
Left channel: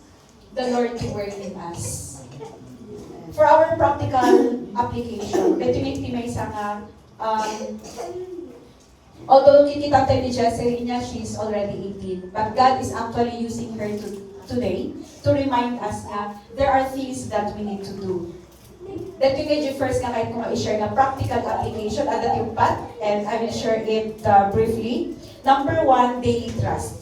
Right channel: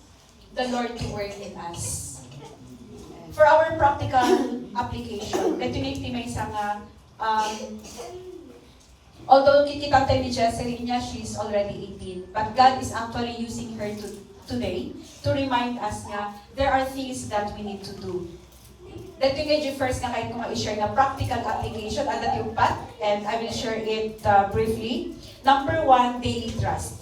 the Lord to work in us. For our practical application, ito yung may isang although kikita tayo ni Jessery niya, she's already 18, but God is actually using her today to remind us na there are things that we need to do. That yung medyo first nga kahit kung i-share na practical application, adat yung path, and I will share it briefly. Number 1, daily trust.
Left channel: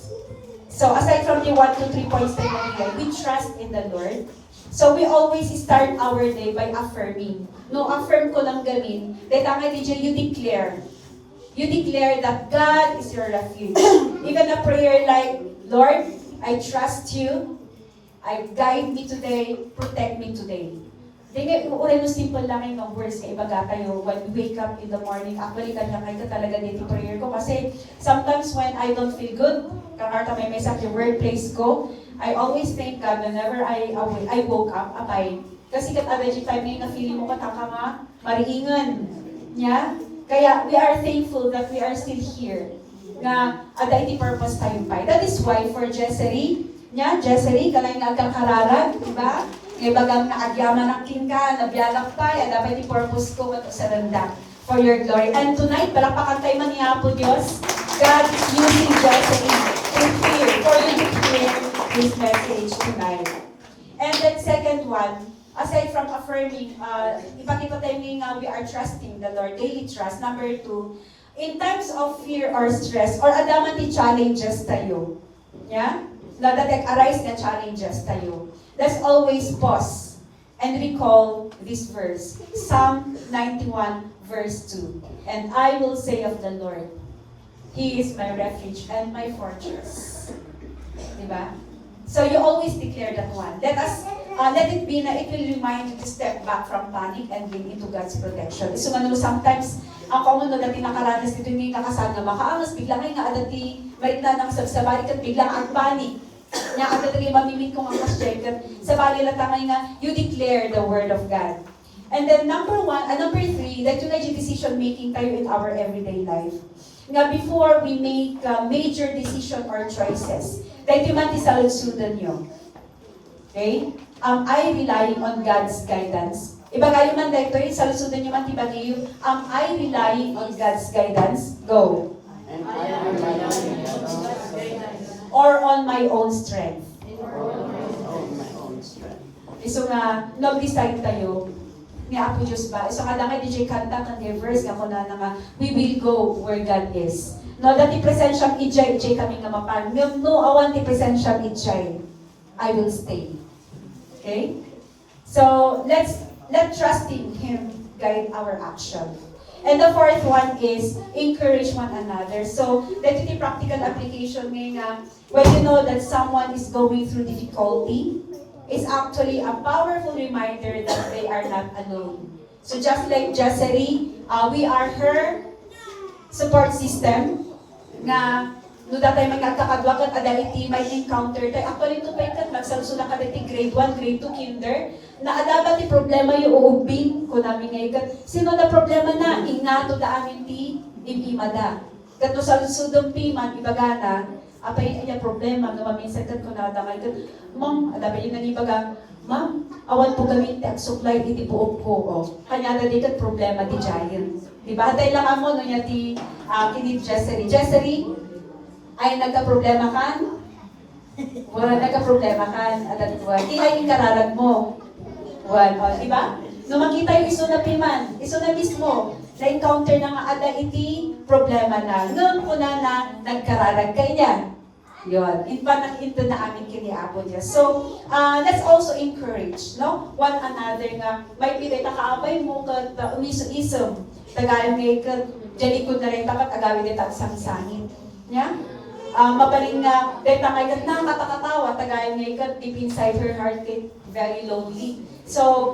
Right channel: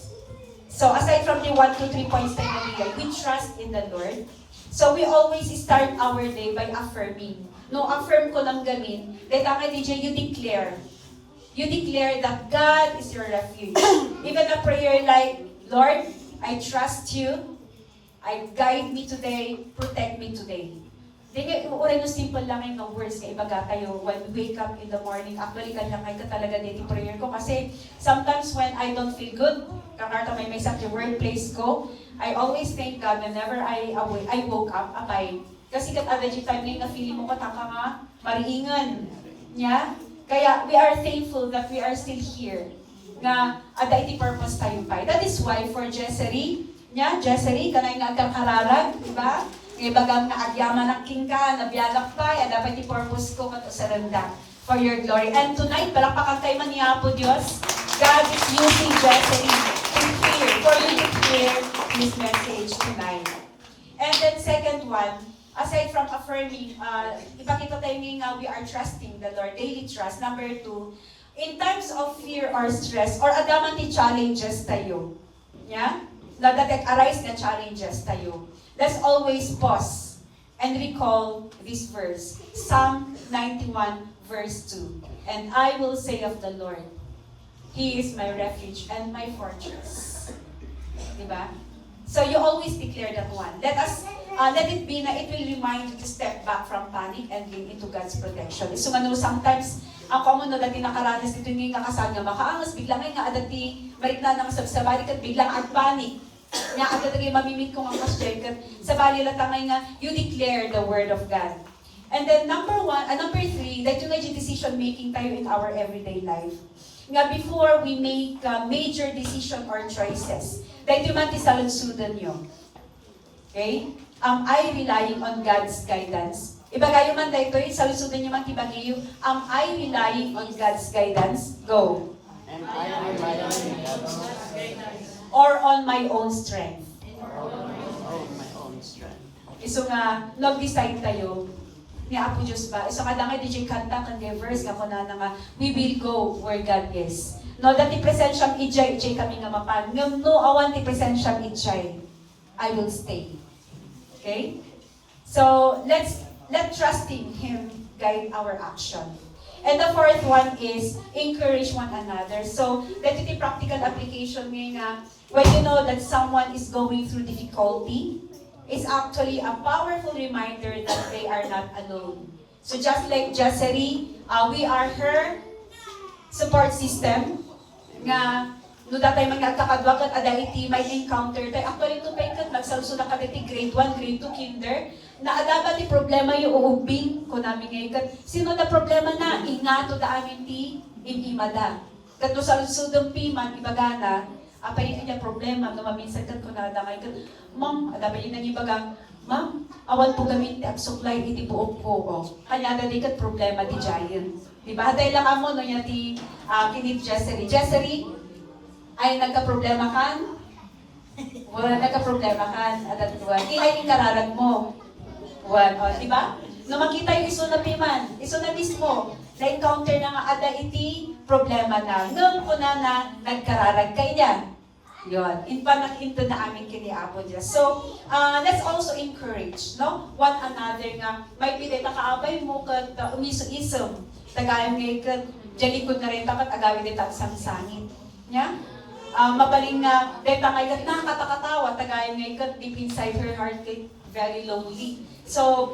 So aside from the 1 to 3 points that we trust in the Lord. So we always start our day by affirming. No, affirm ko lang gamin. Dahil nga DJ, you declare. You declare that God is your refuge. Even a prayer like, Lord, I trust you. Guide me today. Protect me today. Then, uray no simple lang yung words na ibaga kayo when we wake up in the morning. Actually, kanlangay ka talaga din yung prayer ko. Kasi sometimes when I don't feel good, kakarta may sa workplace ko, I always thank God whenever I woke up, apay. Kasi katada yung time na feeling mo kataka nga, mariingan. Yeah? Kaya we are thankful that we are still here. Nga, ada iti purpose tayo pa. That is why for Jessery, Jessery, kanay nga agkang kararag, diba? Ngay bagang na agyaman ang king ka, nabiyalak pa, dapat i-purpose ko ito sa randa for your glory. And tonight, palakpakan tayo man niya po Diyos, God is using Jessery for you to hear this message tonight. And then second one, aside from affirming, ipakita tayo nga we are trusting the Lord, daily trust. Number 2, in times of fear or stress, or adaman ti challenges tayo, yeah? Nadatek arise na challenges tayo. Let's always pause and recall this verse, Psalm 91 verse 2. And I will say of the Lord, He is my refuge and my fortress. Diba? So you always declare that one. Let it be na it will remind you to step back from panic and lean into God's protection. So sometimes, ang common no, dati nakaranas dito ni kakasal nga makaangas, biglang ay nga dati marita ng sabsabali kat biglang ang panic. Nga dati mamimit kong ang kasyek kat sabali na tangay nga, you declare the word of God. And then number three, that yung decision making tayo in our everyday life. Nga before we make major decision or choices, that yung man tisalunsudan nyo. Okay? Am I relying on God's guidance? Iba kayo man dito, salusudan nyo man tibagayo, am I relying on God's guidance? Go. Or on my own strength? So nga, nag-decide tayo, ni Apo Diyos ba? So nga lang ay DJ kanta kan verse ako na nga, we will go where God is. No, dati presensyang ijay kami nga mapan. No, awan ti presensyang ijay. I will stay. Okay? So, let trusting Him guide our action. And the fourth one is encourage one another. So, that yung practical application nga, when you know that someone is going through difficulty, is actually a powerful reminder that they are not alone. So just like Jessery, we are her support system nga no datay man nagkakadwa kat adality may encounter tayo actually to pay kat nagsalso na kaditi grade 1, grade 2, kinder na adaba ti problema yung uubing ko namin ngay kat sino na problema na ingato da amin ti imada kat no salsudong piman ibagana apay niya problema nga maminsan kat ko nadamay kat ma'am adaba ina ni baga ma'am awan po kami ti supply iti buok ko kanya da di kat problema di giant di ba hatay lang amo no nya ti kinit Jessery ay nagka-problema kan? Wala nagka-problema kan? Adat buwan. Di ay kararag mo. Buwan. Di ba? No makita yung iso na piman, iso na mismo, na-encounter na nga ada iti problema na. Nung kuna na nagkararag kay niyan. Yun. Nakita na amin kini Apo niya. So, let's also encourage, no? One another nga, may pili kaabay mo kat umiso-isom. Tagayon ngay kat, jalikod na rin tapat, agawin din tapat sang-sangin. Yeah? Mabaling nga, deta ngayon na katakatawa, tagayan ngayon deep inside her heart, very lonely. So,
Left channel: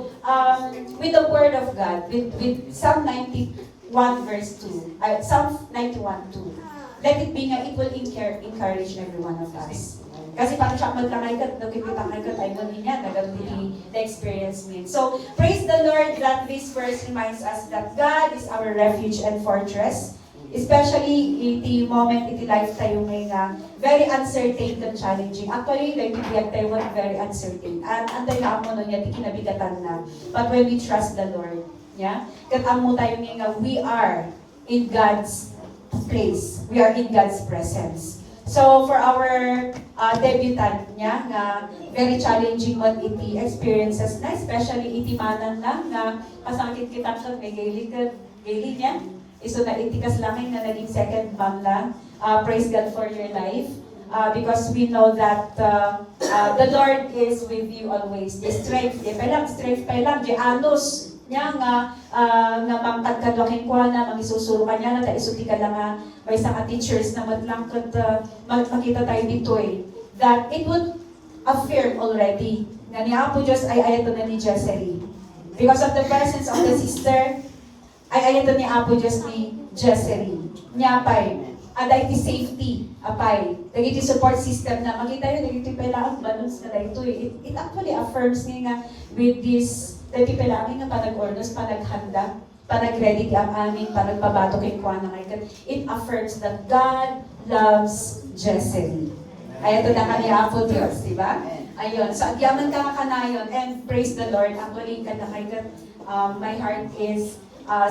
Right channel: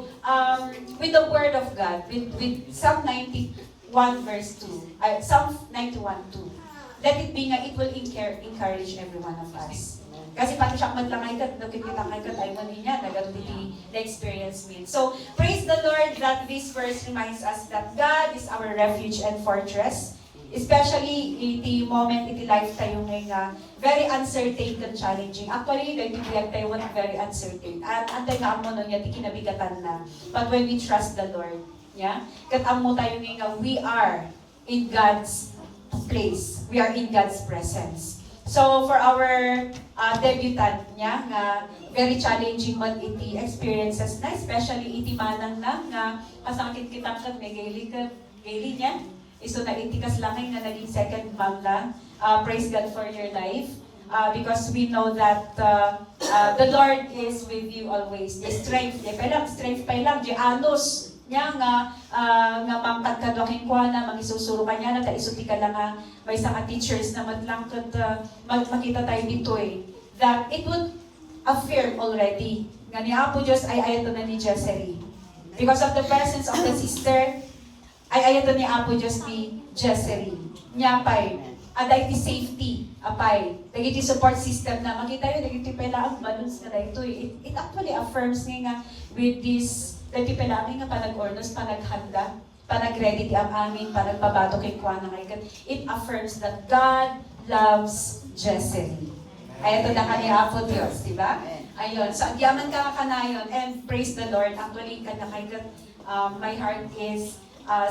with the word of God, with Psalm 91 verse 2, Psalm 91 2, let it be nga, it will encourage every one of us. Kasi parang siya magtangay ka, nagkikitangay ka, ay nung niya, nagagawin the experience mean. So, praise the Lord that this verse reminds us that God is our refuge and fortress. Especially iti moment iti life tayo nga very uncertain and challenging. Actually, like iti tayo very uncertain. At antay na mo nun iti kinabigatan na. But when we trust the Lord, yeah, katamo tayo nga we are in God's place. We are in God's presence. So for our debutant, yeah, nga very challenging man iti experiences na, especially iti manan lang nga kasangkit kitang kag may gaili niya. So na itikas lang na naging second mom lang. Praise God for your life. Because we know that the Lord is with you always. The strength pa lang, di anos niya nga mangkadkadwakin ko na, mangisusuro ka niya na, isuti ka lang may isang teachers na matlang makita tayo dito that it would affirm already. Nga ni Apo Diyos ay ayato na ni Jessery. Because of the presence of the sister, ay ayato ni Apo Diyos ni Jessery. Nyapay. Aday ti safety. Apay. Dagiti support system na makita yun, dagiti pala ang balance na dito. It actually affirms nga with this, dagiti pala amin nga panag-ornos, panaghanda, panag-ready ang amin, panagpabato kay Kuana kay it affirms that God loves Jessery. Ayato na ka ni Apo Diyos, di ba? Ayun. So, agyaman ka kanayon and praise the Lord. Actually, my heart is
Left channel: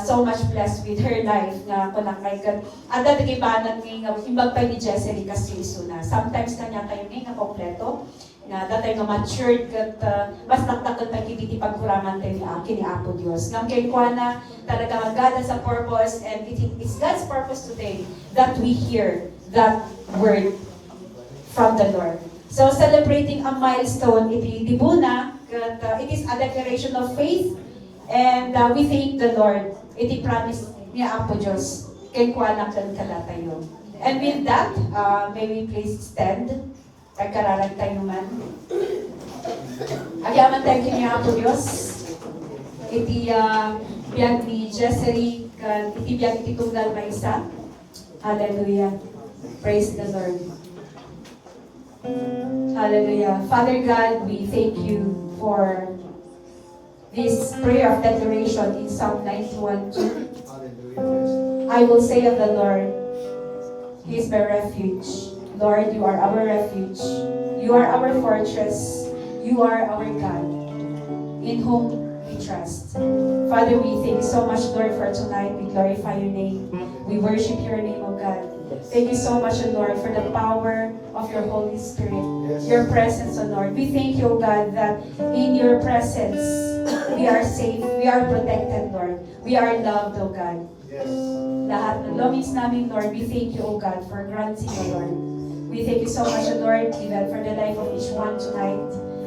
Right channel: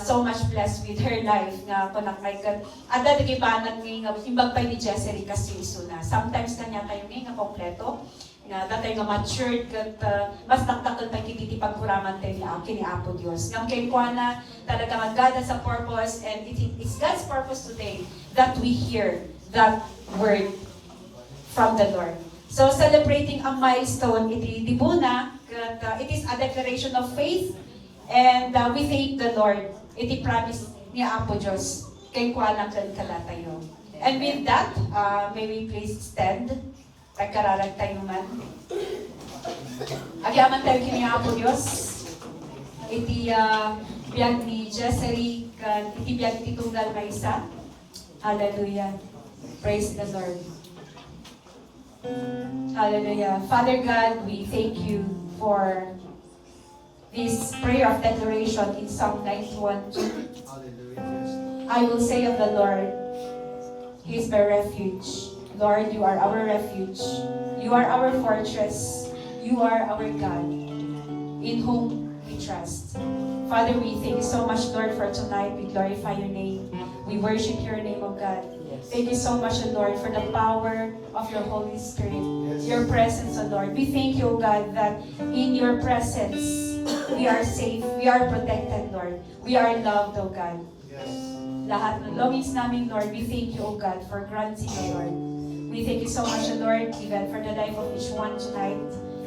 so much blessed with her life nga kunang kay kat ada nagibanan nga imbag pa ni Jessery kasi isuna. Sometimes kanya kayo nga kompleto nga datay nga matured kat mas naktakot pa kiti pagkuraman tayo ni Apo Dios. Ngam kay kuana talaga ang God has a purpose, and it's God's purpose today that we hear that word from the Lord. So celebrating a milestone iti dibuna kat it is a declaration of faith. And we thank the Lord. Iti promise ni Apo Diyos. Kay kuwanang tayo. And with that, may we please stand. Tagkararag tayo man. Agyaman tayo ni Apo Diyos. Iti biyag ni Jessery. Iti biyag iti tunggal may isa. Hallelujah. Praise the Lord. Hallelujah. Father God, we thank you for this prayer of declaration in Psalm 91:2. I will say of the Lord, He is my refuge. Lord, you are our refuge. You are our fortress. You are our God, in whom we trust. Father, we thank you so much, Lord, for tonight. We glorify your name. We worship your name, O God. Thank you so much, O Lord, for the power of your Holy Spirit, your presence, O Lord. We thank you, O God, that in your presence, we are safe, we are protected, Lord. We are loved, O God. Lahat ng longings namin, Lord, we thank you, O God, for granting, O Lord. We thank you so much, O Lord, even for the life of each one tonight.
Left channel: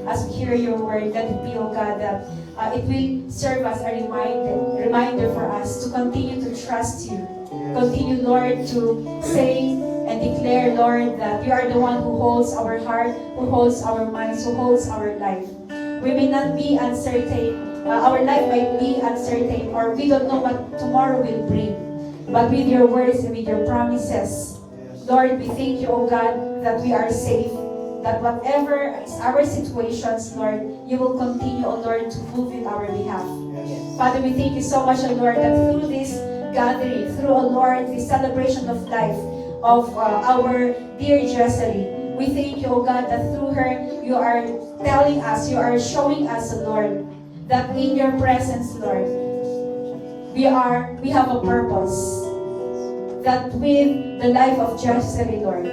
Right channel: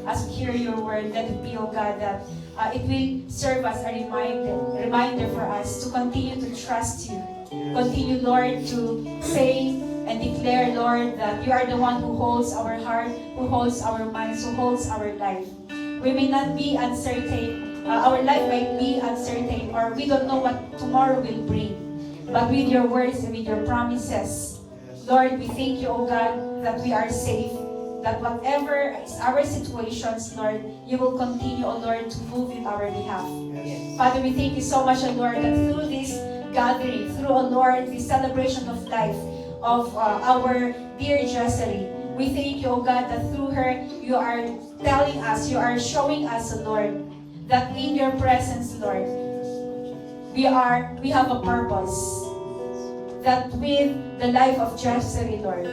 As we hear your word, let it be, O God, that it will serve as a reminder for us to continue to trust you. Continue, Lord, to say and declare, Lord, that you are the one who holds our heart, who holds our minds, who holds our life. We may not be uncertain, our life might be uncertain, or we don't know what tomorrow will bring. But with your words and with your promises, Lord, we thank you, O God, that we are safe, that whatever is our situations, Lord, you will continue, O Lord, to move in our behalf. Father, we thank you so much, O Lord, that through this gathering, through, O Lord, this celebration of life of our dear Jessery, we thank you, O God, that through her, you are telling us, you are showing us, O Lord, that in your presence, Lord, we have a purpose. That with the life of Jessery, Lord,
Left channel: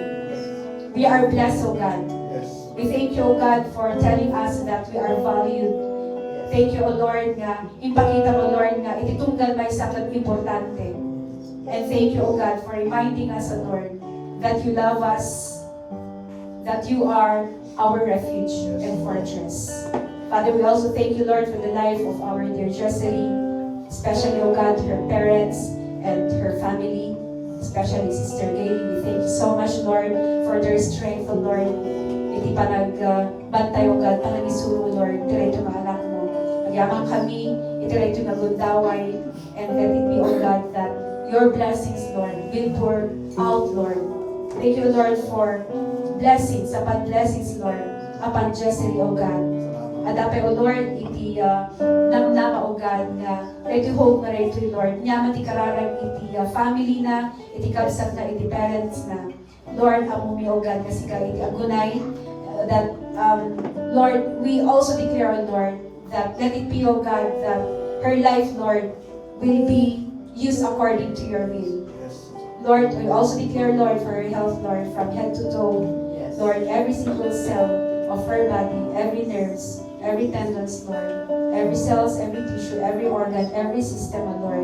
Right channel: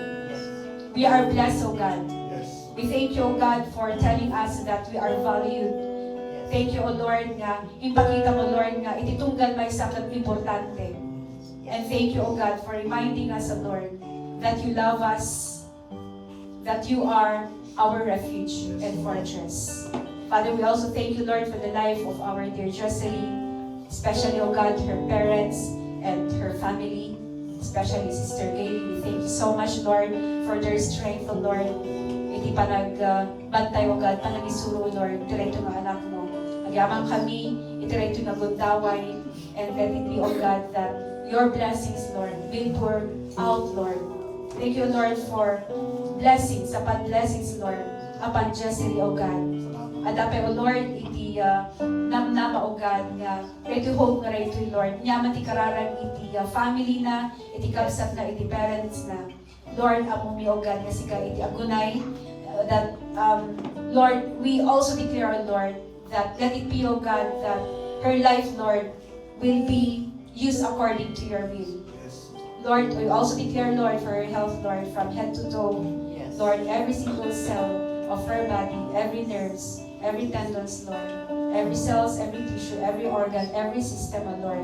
we are blessed, O God. We thank you, O God, for telling us that we are valued. Thank you, O Lord, nga ipakita mo, Lord, nga ititunggal may sakat importante. And thank you, O God, for reminding us, O Lord, that you love us, that you are our refuge and fortress. Father, we also thank you, Lord, for the life of our dear Jessery, especially, O God, her parents and her family, especially Sister Gayle. We thank you so much, Lord, for their strength, O Lord. Iti bantay, O God, panagisuro, Lord, direto na anak mo. Nagyamang kami, itireto na gundaway, and let it be, O God, that your blessings, Lord, will pour out, Lord. Thank you, Lord, for blessings, upon blessings, Lord, upon Jessery, O God. Adapay, O Lord, iti namnama, O God, nga ito hope na ito, Lord. Nyaman ti kararag iti family na, iti kabsat na, iti parents na. Lord, amumi, O God, nga sika iti agunay, that, Lord, we also declare, O Lord, that let it be, O God, that her life, Lord, will be used according to your will. Lord, we also declare, Lord, for her health, Lord, from head to toe. Lord, every single cell of her body, every nerves, every tendons, Lord, every cells, every tissue, every organ, every system, O Lord,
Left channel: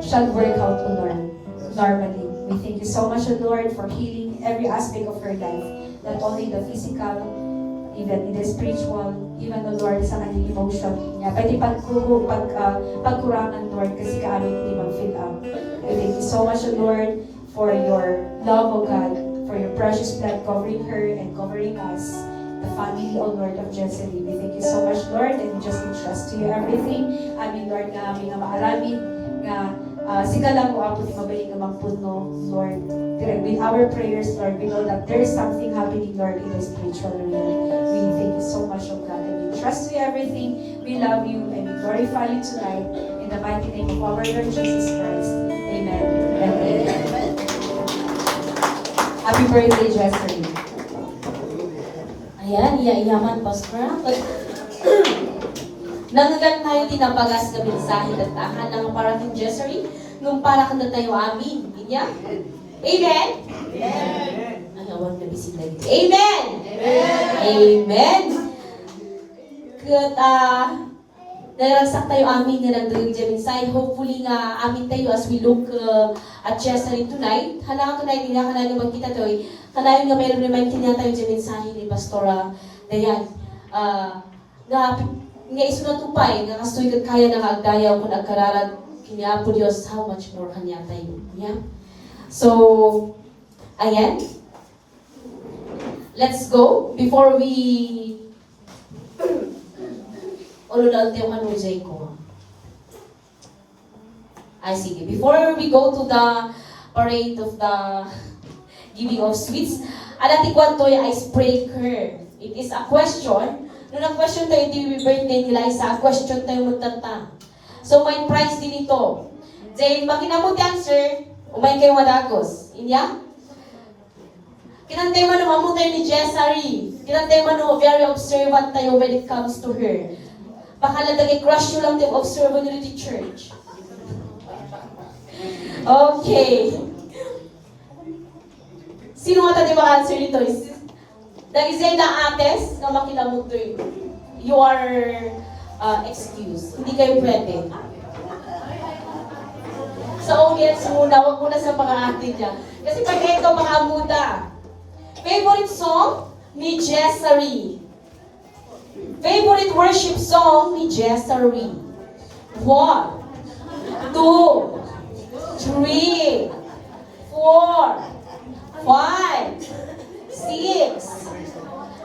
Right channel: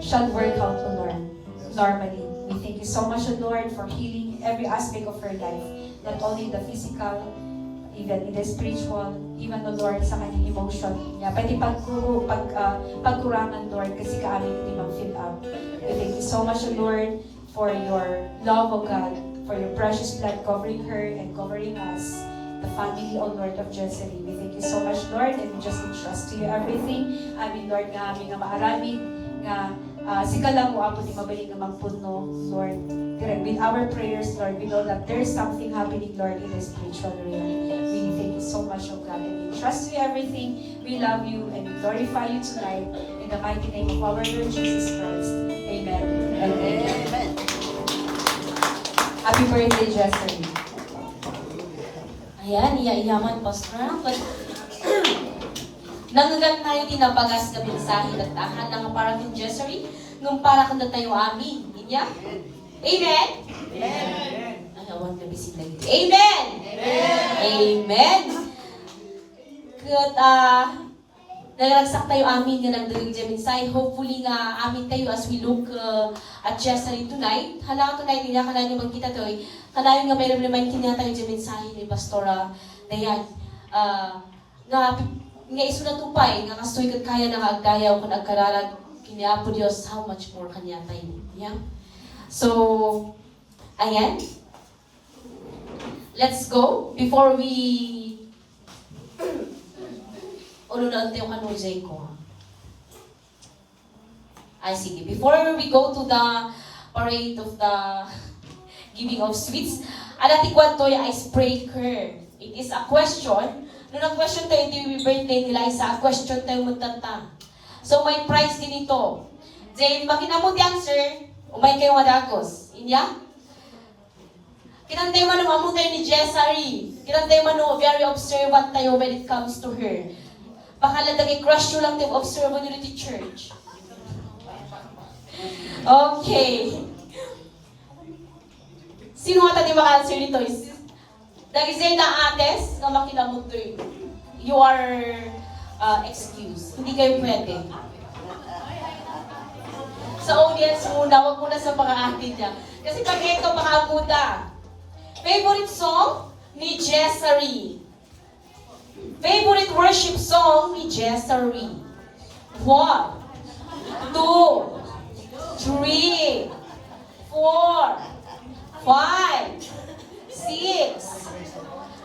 shall work out, O Lord, normally. We thank you so much, O Lord, for healing every aspect of her life, not only the physical, even in the spiritual, even, O Lord, sa kanyang emotion. Nga, pwede pagkurangan, Lord, kasi kaamin hindi mag-fill up. We thank you so much, O Lord, for your love, O God, for your precious blood covering her and covering us, the family, O Lord, of Jessery. We thank you so much, Lord, and we just entrust to you everything. Amin, Lord, nga amin nga maaramid, nga sika lang mo ako di mabalik na magpuno, Lord. Direct with our prayers, Lord, we know that there is something happening, Lord, in the spiritual realm. We thank you so much, O God, and we trust you everything. We love you and we glorify you tonight. In the mighty name of our Lord Jesus Christ. Amen. Amen. Happy birthday, Jessery. Ayan, iya-iyaman, Pastor. Nangagan tayo tinabagas na mensahe at tahan ng paraking Jessery, nung para ka na tayo amin. Inya? Amen? Ay, awag na bisita. Amen! Amen! Kat, naragsak tayo amin nga nagdagag dyan mensahe. Hopefully nga amin tayo as we look at Jessery tonight. Hala tonight, hindi na kanayon magkita to eh. Kanayon nga mayroon naman tingnan tayo dyan mensahe ni Pastora Dayan. Nga iso na tupay, nga kastoy kat kaya na agdayaw kung nagkararag kiniya po Diyos, how much more kanya tayo. Yeah? So, ayan. Let's go. Before we ulunod tayo kan Jay ko. Ay, sige. Before we go to the parade of the giving of sweets, alati kwanto yung icebreaker. It is a question. Noong ang-question tayo, hindi yung birthday nila, isa question tayo magtanta. So, may prize din ito. Jay, makinamot the answer, umay kayo madagos. Inya? Kinantay man mo tayo ni Jessery. Kinantay man mo, very observant tayo when it comes to her. Baka ladagay crush nyo lang tayo observant nyo di church. Okay. Sino nga tayo maka-answer nito? Dahil sa'yo na ates, nga makinamot doon. You are excused. Hindi kayo pwede. Sa audience muna, wag muna sa mga atin niya. Kasi pag ikaw makamuta. Favorite song ni Jessery. Favorite worship song ni Jessery. 1, 2, 3, 4, 5, 6.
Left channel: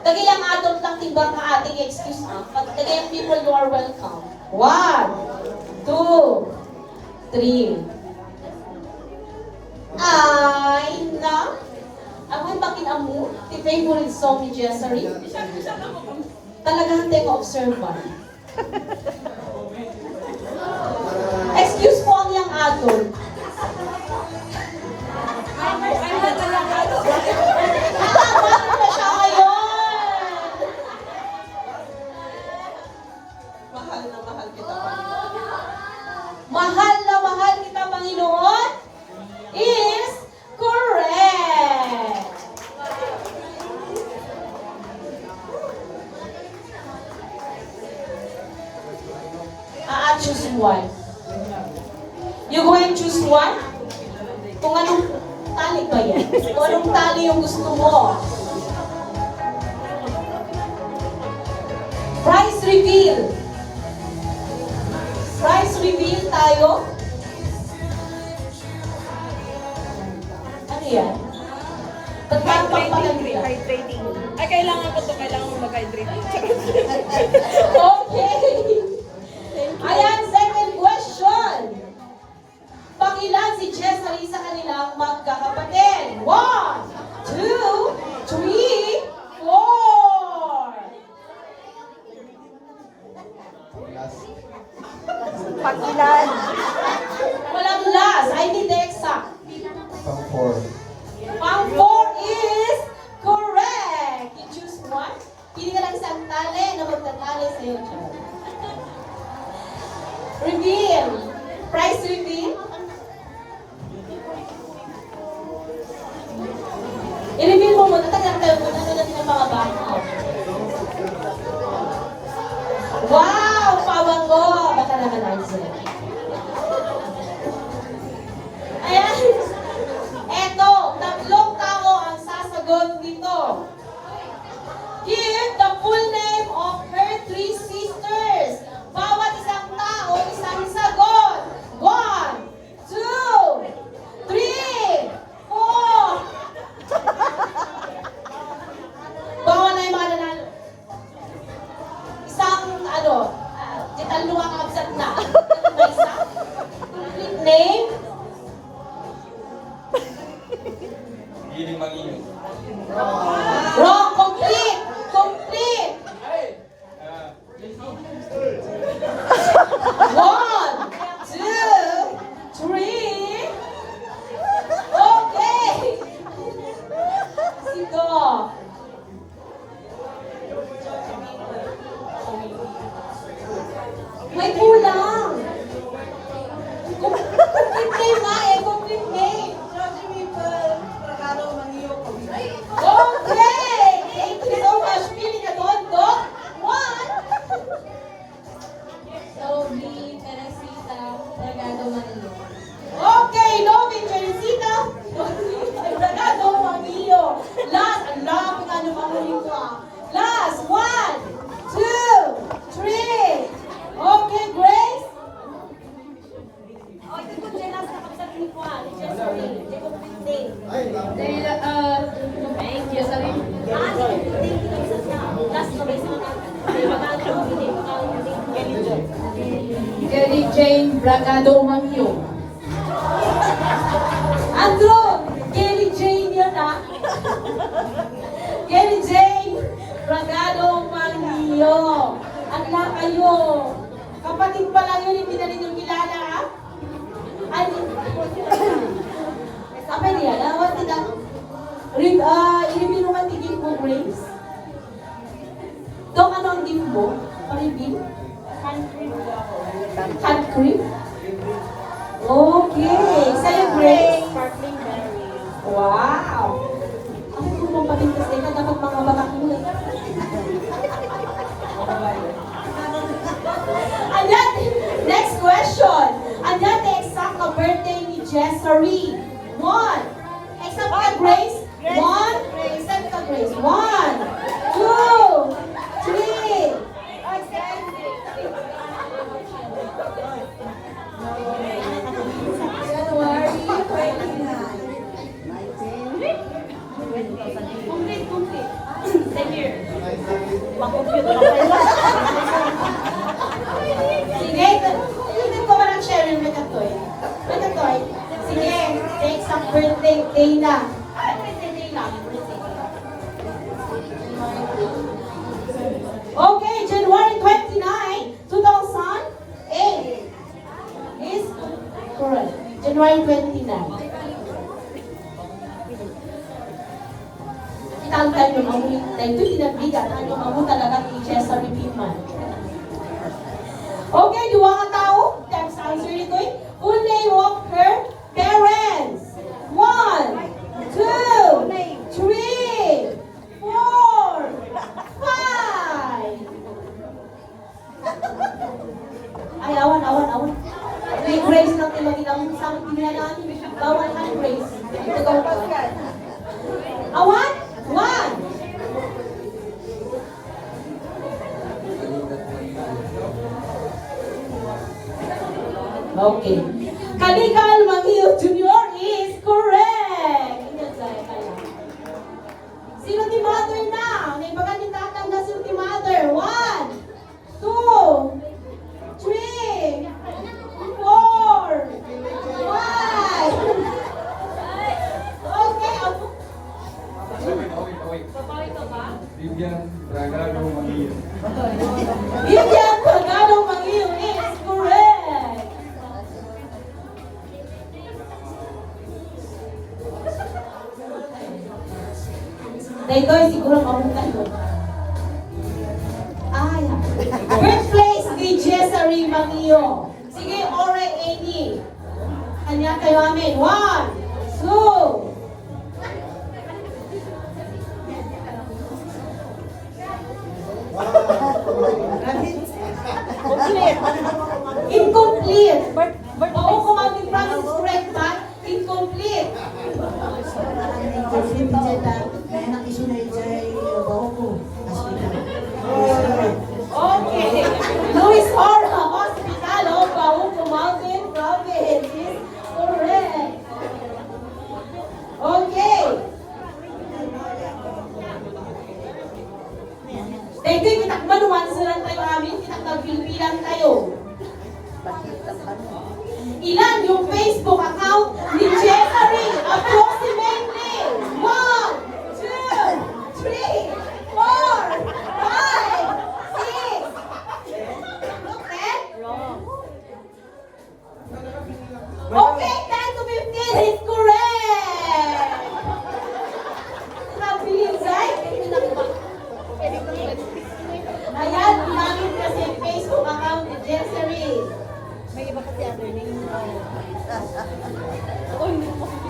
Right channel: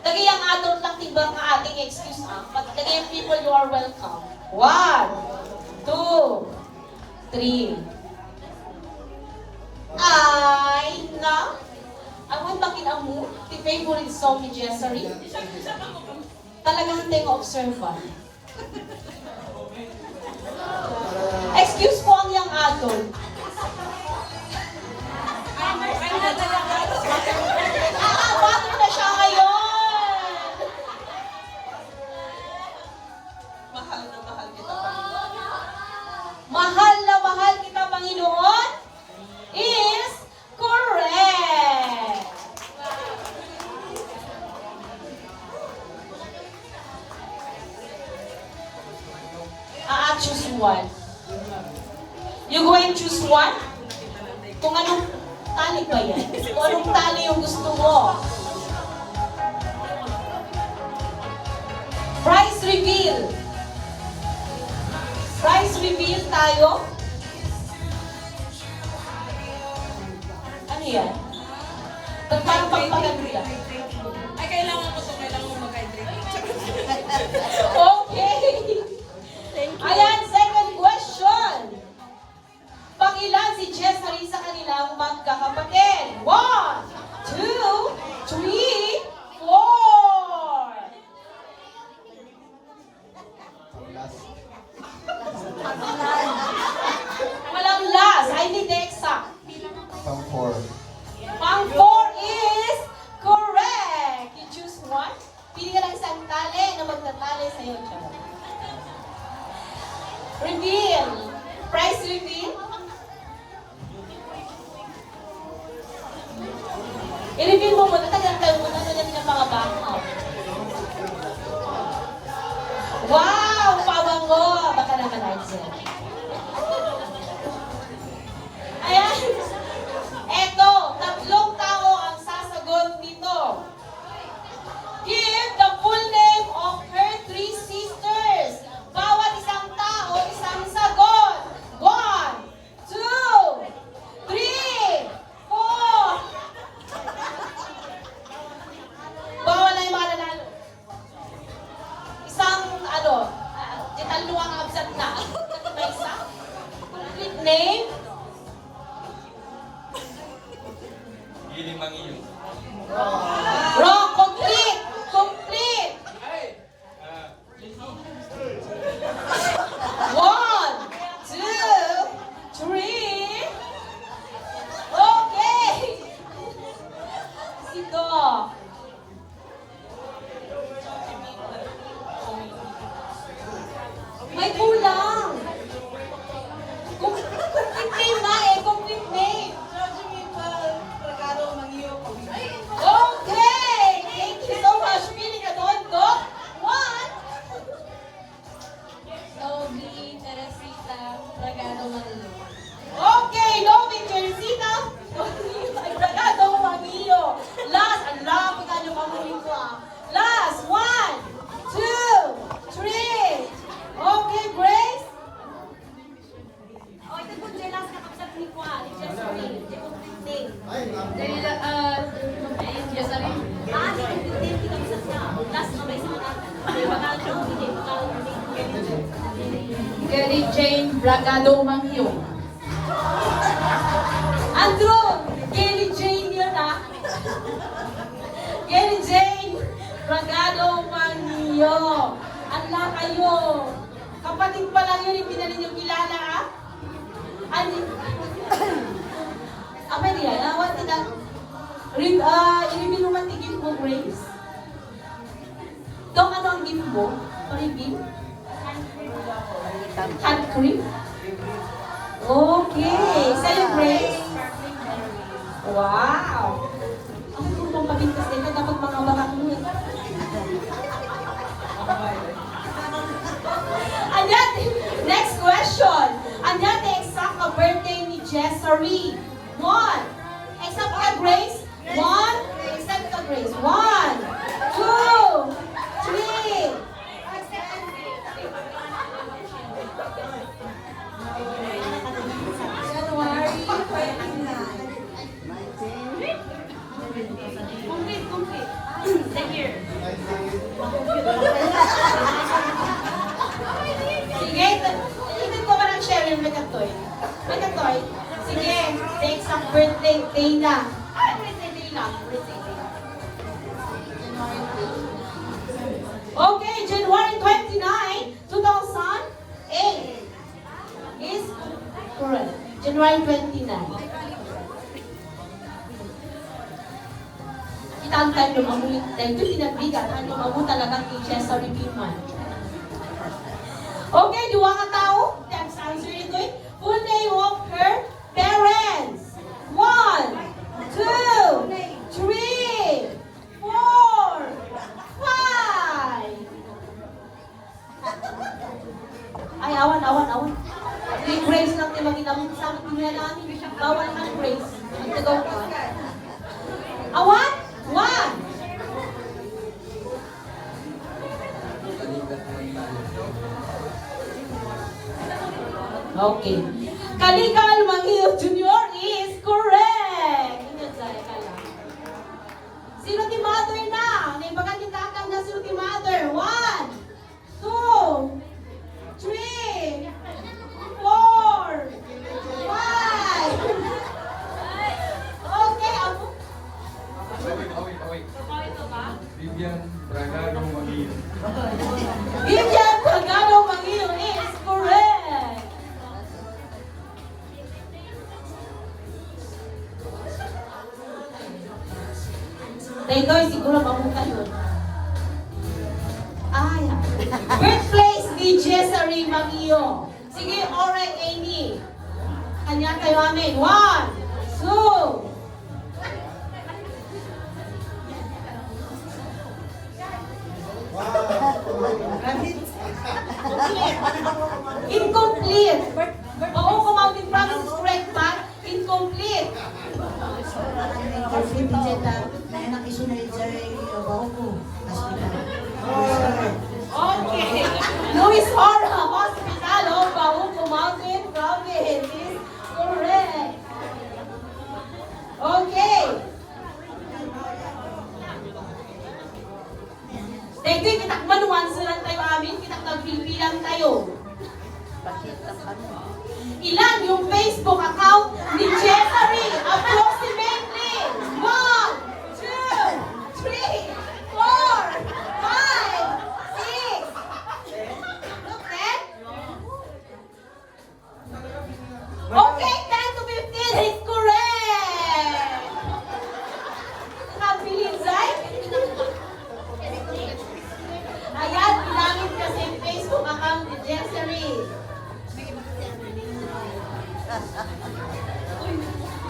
Tagayang adult lang timbang na ating excuse tagayang people, you are welcome. 1, 2, 3. Ay, na. Ang makin amo, ti favorite song ni Jessery. Talagang tayo observant. Excuse po ang yung adult. Bakit na siya ngayon? Mahal na mahal kita, Panginoon. Mahal na mahal kita, Panginoon is correct. Choose one. You going to choose one? Kung anong tali ba yan? Kung anong tali yung gusto mo? Price reveal. Price reveal tayo. Ano yan? Pagpapagpagpagpagpag. Ay, kailangan ko to. Kailangan mo mag-hydrate. Okay. Ayan, second question. Pangilan si Jessery sa kanilang magkakapatid? 1, 2, 3, 4. Pangilan. Walang last. I need the exact. Pang 4. Pang 4 is correct. You choose one. Pili ka ng isang tali na magtatali sa iyo. Reveal. Price reveal. I-reveal mo muna. Tagal tayo mo. Ano natin ang mga bata. Wow! Pawango! Baka naman ay sila. Ayan. Eto, tatlong tao ang sasagot dito. Give the full name of her 3 sisters. Bawat isang tao, isang sagot. 1, 2, 3, 4. Bawal na yung mga nanalo. Isang, ditaluang absent na. May isa. Name? Giling mag-iyo. Wrong. Complete. Complete. 1, 2, 3. Okay. Sito. Dahil, thank you. Sabi, Kelly Jane Bragado Mangyo. Andrew! Kelly Jane yun ah! Kelly Jane! Bragado Manio! Ala kayo! Kapatid pa lang yun, hindi na rin yung kilala ah! Ay, apa niya? What did that? I-review naman tigil mo, Grace. Dong, ano ang gift mo? Pa-review? Hand cream? Okay. Sa'yo, Grace? Wow! Ako kung mong paligtas ka, dapat mga barak mo eh. Andyan, next question. Andyan, exact na birthday ni Jessery. 1. Exact ka, Grace? 1. Exact ka, Grace. 1, 2, 3. January 29. Complete. Same year. Sige, tingnan ko walang share yung Megatoy. Megatoy, sige, next ang birthday day na. Birthday day lang. Okay, January 29, 2008 is correct. January 29. Kita ang time yung mamulit. Dahil ito pinabigat. Ano yung mamulit talaga kay Jessery Pittman. Okay, di ka tao? Text answer nito eh. Full name of her parents. 1, 2, 3, 4, 5. Ay, awan. May Grace lang tayo ginamit sa akin. Tingnan namin. Awan ng Grace. Ito ko. Awan? 1. Okay. Kaligal Mangio Junior is correct. Sino ti mother na? Naibagan ni tatang na sino ti mother. 1, 2, 3, 4, 5. Okay. Wait. Vivian Bragado Mangio. Vivian Bragado Mangio is correct. Dahil siguro mamukan yun. Ay, birthplace ni Jessery Mangio. Sige, Ore Amy. Kanya kayo amin. 1, 2. Incomplete. Oo, kung ang Francis correct man, incomplete. Kasi Picheta, na anak isunay dyan, baho ko. Okay. Luis Ora Hospital of Bahuco Mountain Province is correct. Okay. Thank you, kitak manuansaran tayo amin, kitak nagpilpilan tayo. Ilan yung Facebook account ni Jessery? Approximately 1, 2, 3, 4, 5, 6. Okay? Okay, 10 to 15 is correct! Nakabilin, right? Ayan, ginamit kasi yung Facebook account ni Jessery.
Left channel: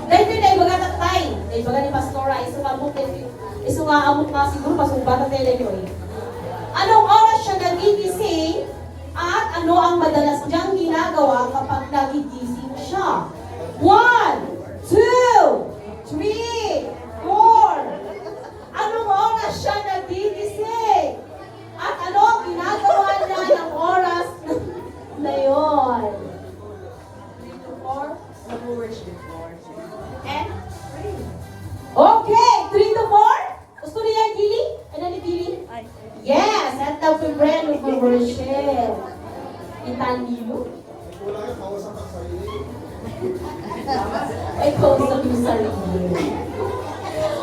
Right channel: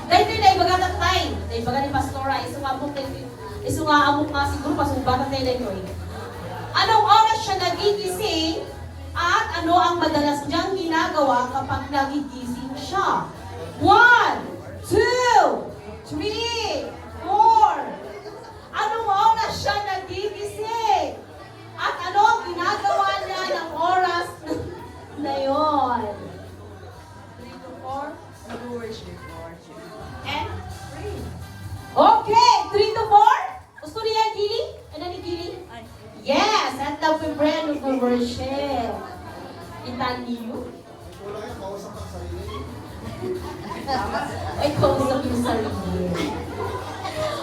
Dahil na ibaga na tayo. Dahil ibaga ni Pastora, iso nga amok nga siguro, pasubatan tayo na yun. Anong oras siya nagigising at ano ang madalas niyang ginagawa kapag nagigising siya? 1, 2, 3, 4. Anong oras siya nagigising? At ano ang ginagawa niya ng oras na yun? 3 to 4? And 3. May kausap yung sarili.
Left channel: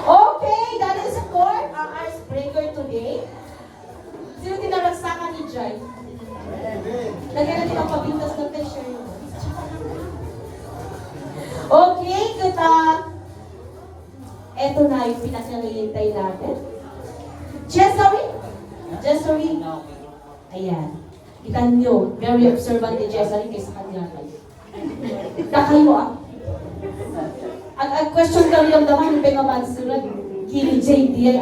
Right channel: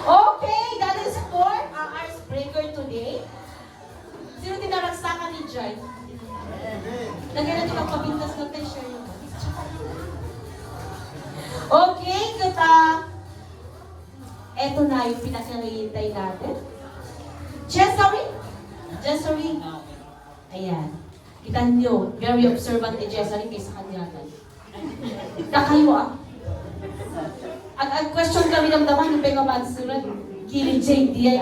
Okay, that is for our icebreaker today. Sino tinaragsakan ni Jai? Lagyan natin ang pabintas ng t-shirt. Okay, kita. Eto na yung pinakangihintay natin. Jessery? Jessery? Ayan. Kita nyo, very observant ni Jessery kaysa kanya. Nakayo ah. Ang question kami ng daman, yung pengamansuran, Kiri JD,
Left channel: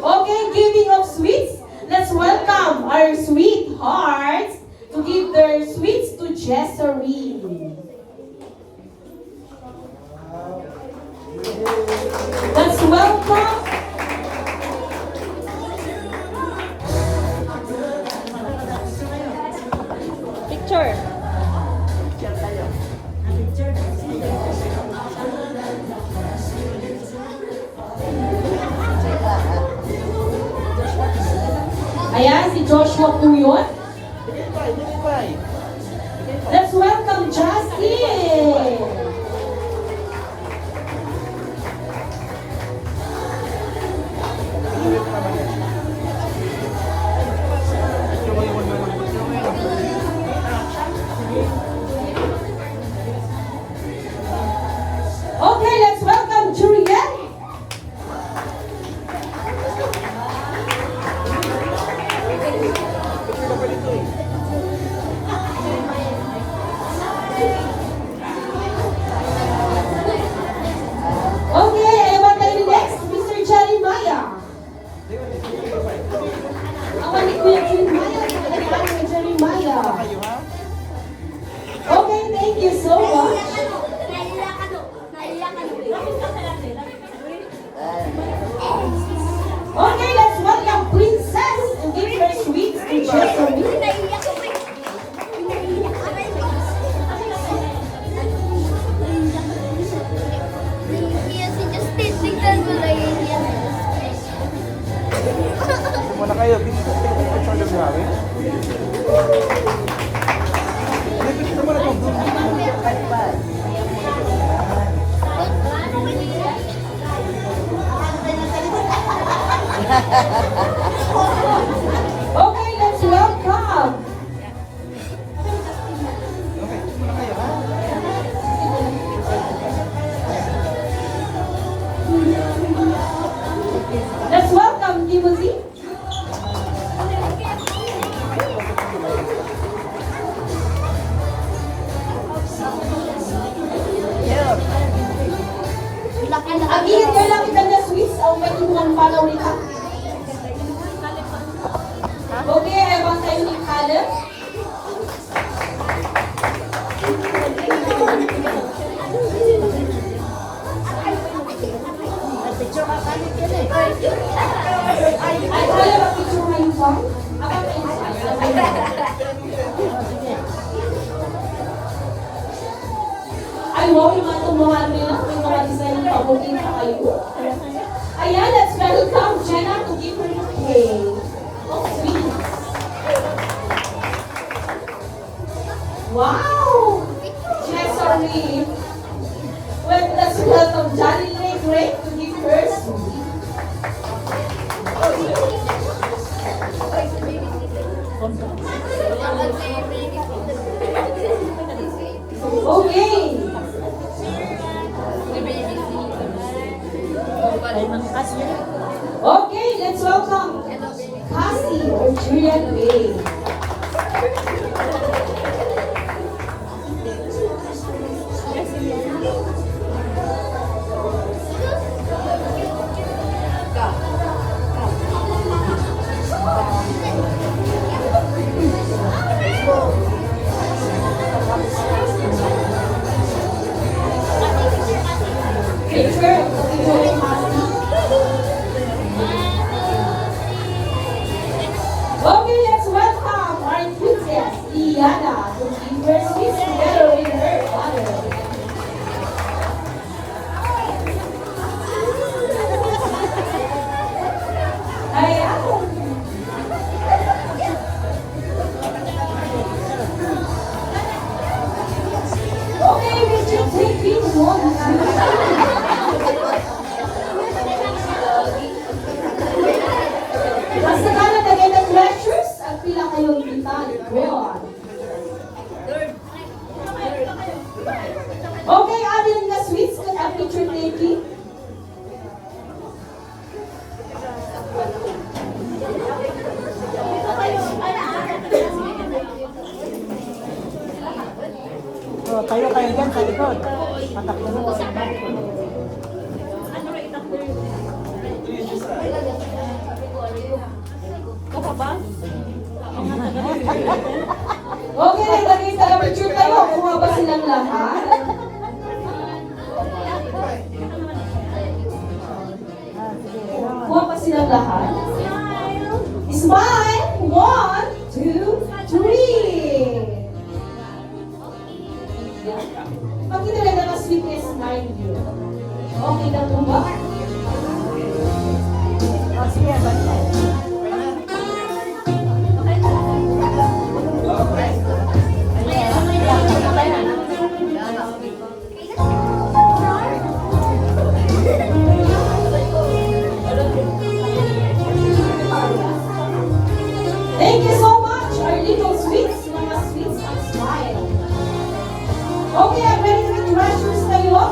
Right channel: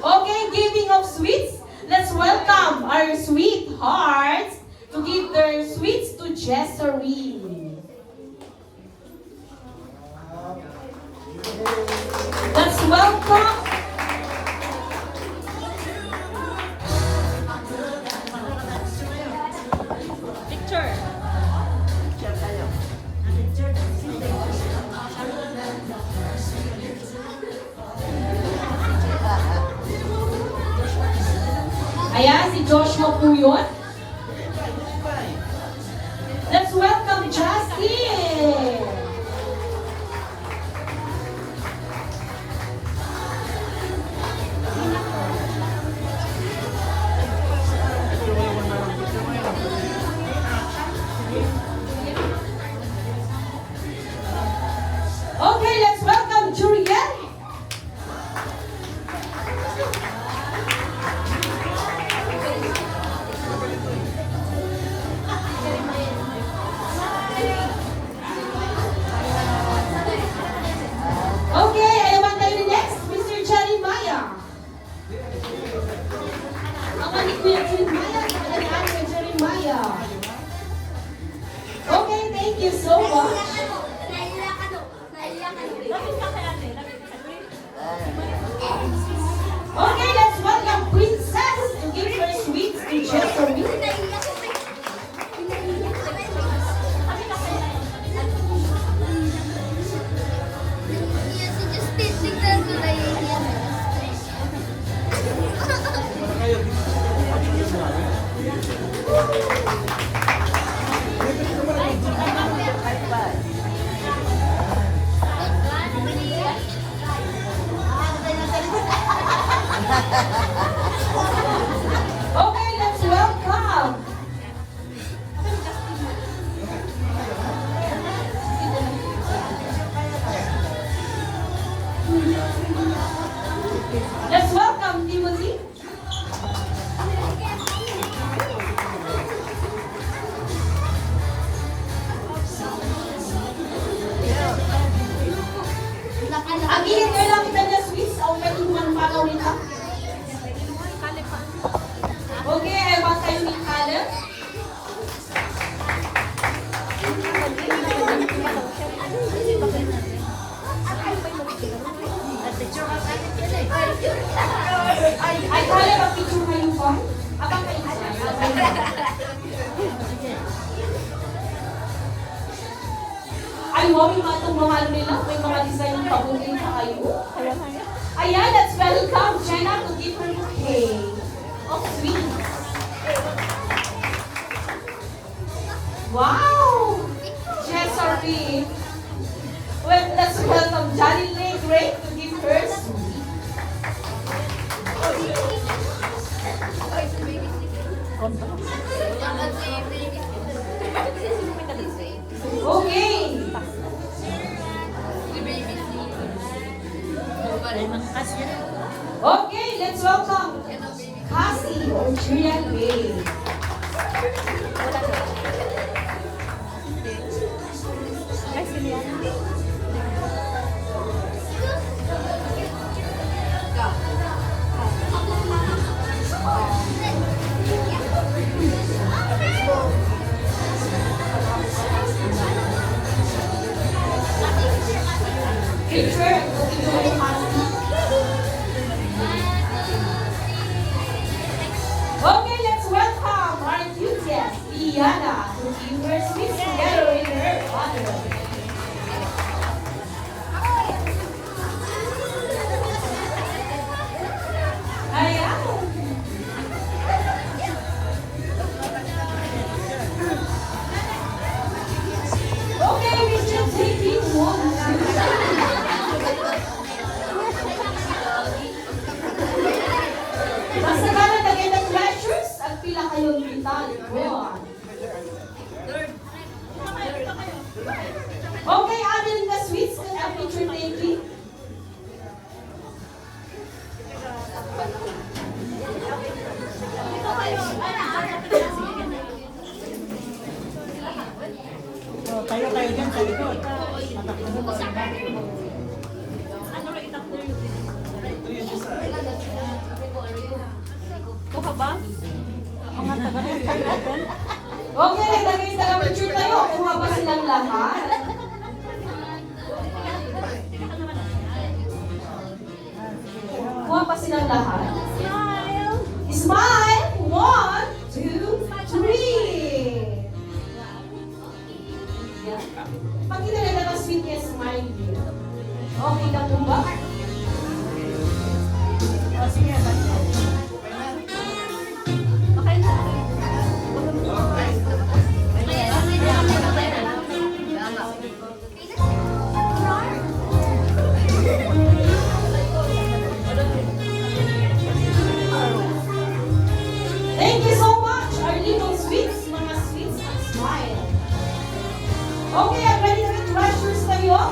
Okay, giving of sweets. Let's welcome our sweethearts to give their sweets to Jessery. Let's welcome. Picture. Ayan, si Joshua po yun. Let's welcome Justin. Okay, let's welcome Juliet. Okay, I want the next, Mr. Jeremiah. Ako ni Kuya Jeremiah, nagkakaroon ni Jeremiah. Okay, thank you so much. Okay, let's welcome Princess and give her sweets to Jessery. Muna kayo, picture na namin. Okay, let's welcome. Let's welcome Timothy. Ang init ka lang kita niya Swiss o may tumang palaw nito. Okay, I want kayo ng color. Ay, kaya mag-picture mo yung form? Ay, wow, yung mga tumawa nila. May mga design ng pabuting sa kayo. Ayan, let's welcome Jenna to give her bouquet. Oh, sweet. Wow! Jessery. Well, let's welcome Johnny Lee Gray to give her sweet. Okay. Okay, let's welcome Cassie or Juliet Bay. Picture. Okay, let's welcome our enthusiast, Iana, to give her sweets together with her father. Ayan. Okay, lagay sa picture tayo. Kuha ba silang lahat? Kuha pa silang lahat? Smile! 1, 2, 3! Pakita lang ng sweetness smile niyo. Okay na po ba? Thank you so much, our little sweets, mga sweets and smile. Okay, I'm ready to meet treasures kayo.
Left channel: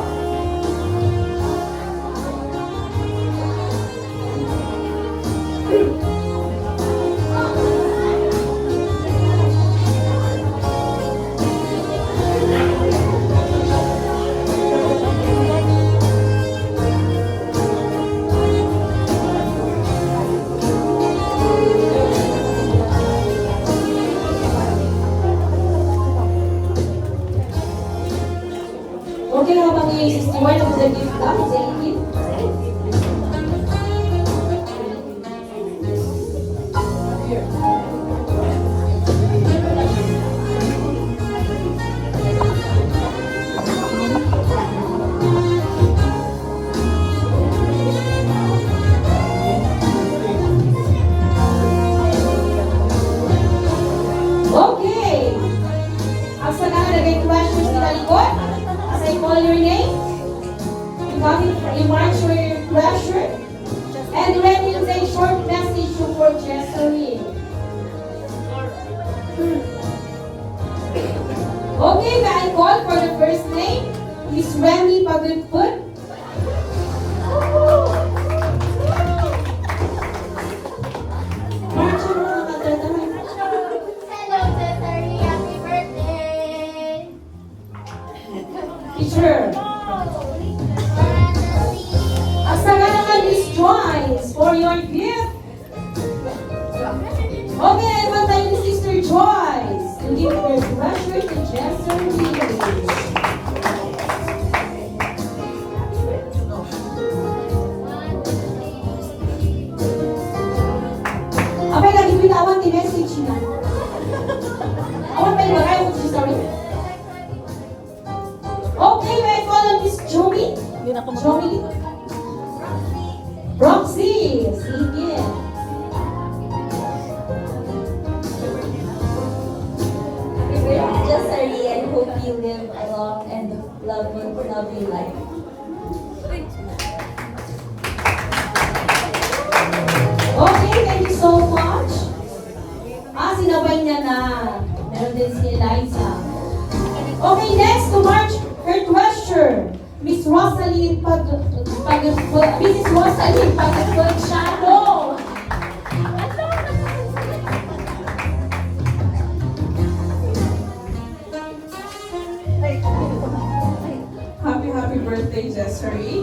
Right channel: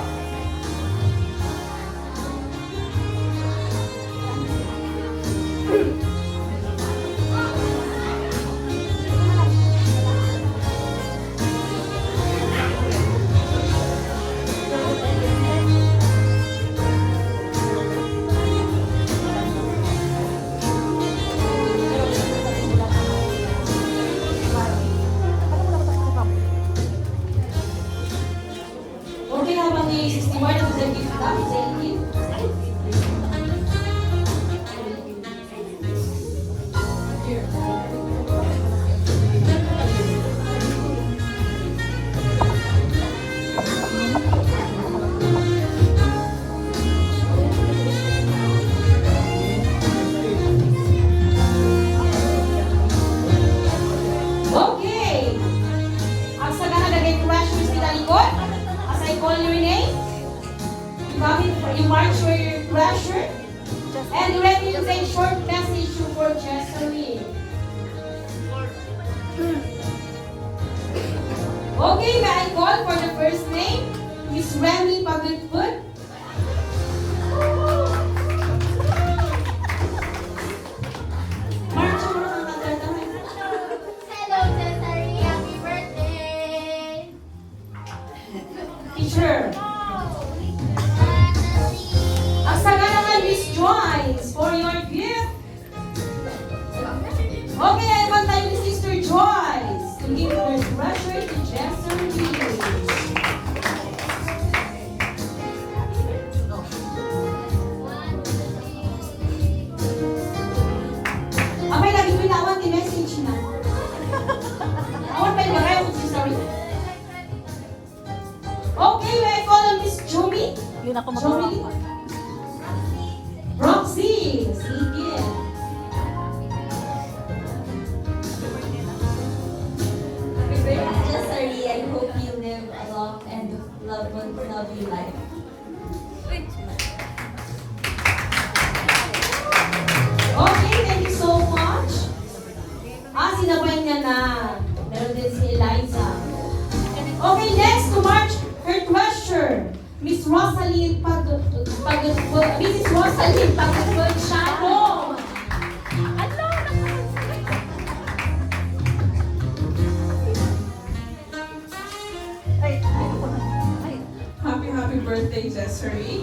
Okay na ba ni 61 at the gift lang? Thank you. Okay. Ang sa nakalagay questions ni Talikot, as I call your name, you march for your treasure, and when you say short message to for Jesseline. Okay, may I call for the first name? Miss Remy Pagudput. March mo na magdadamay. Hello, Cesare. Happy birthday. Teacher. Ang naman Miss Joyce for your gift. Okay, pantay ni Sister Joyce. To give her treasure to Jesseline. Abay, lagi binawan ni message na. Awan pa yung bagay mo, Sister. Okay, may I call on Miss Jomi? Jomi? Roxy! Sige. Happy birthday, Jessery. I hope you live a long and lovely life. Okay, thank you so much. Sinaway niya na. Meron din si Eliza. Okay, next to march her treasure. Miss Rosaline Mrs. Rosaline Pagpagsyano. Happy birthday, Jessery.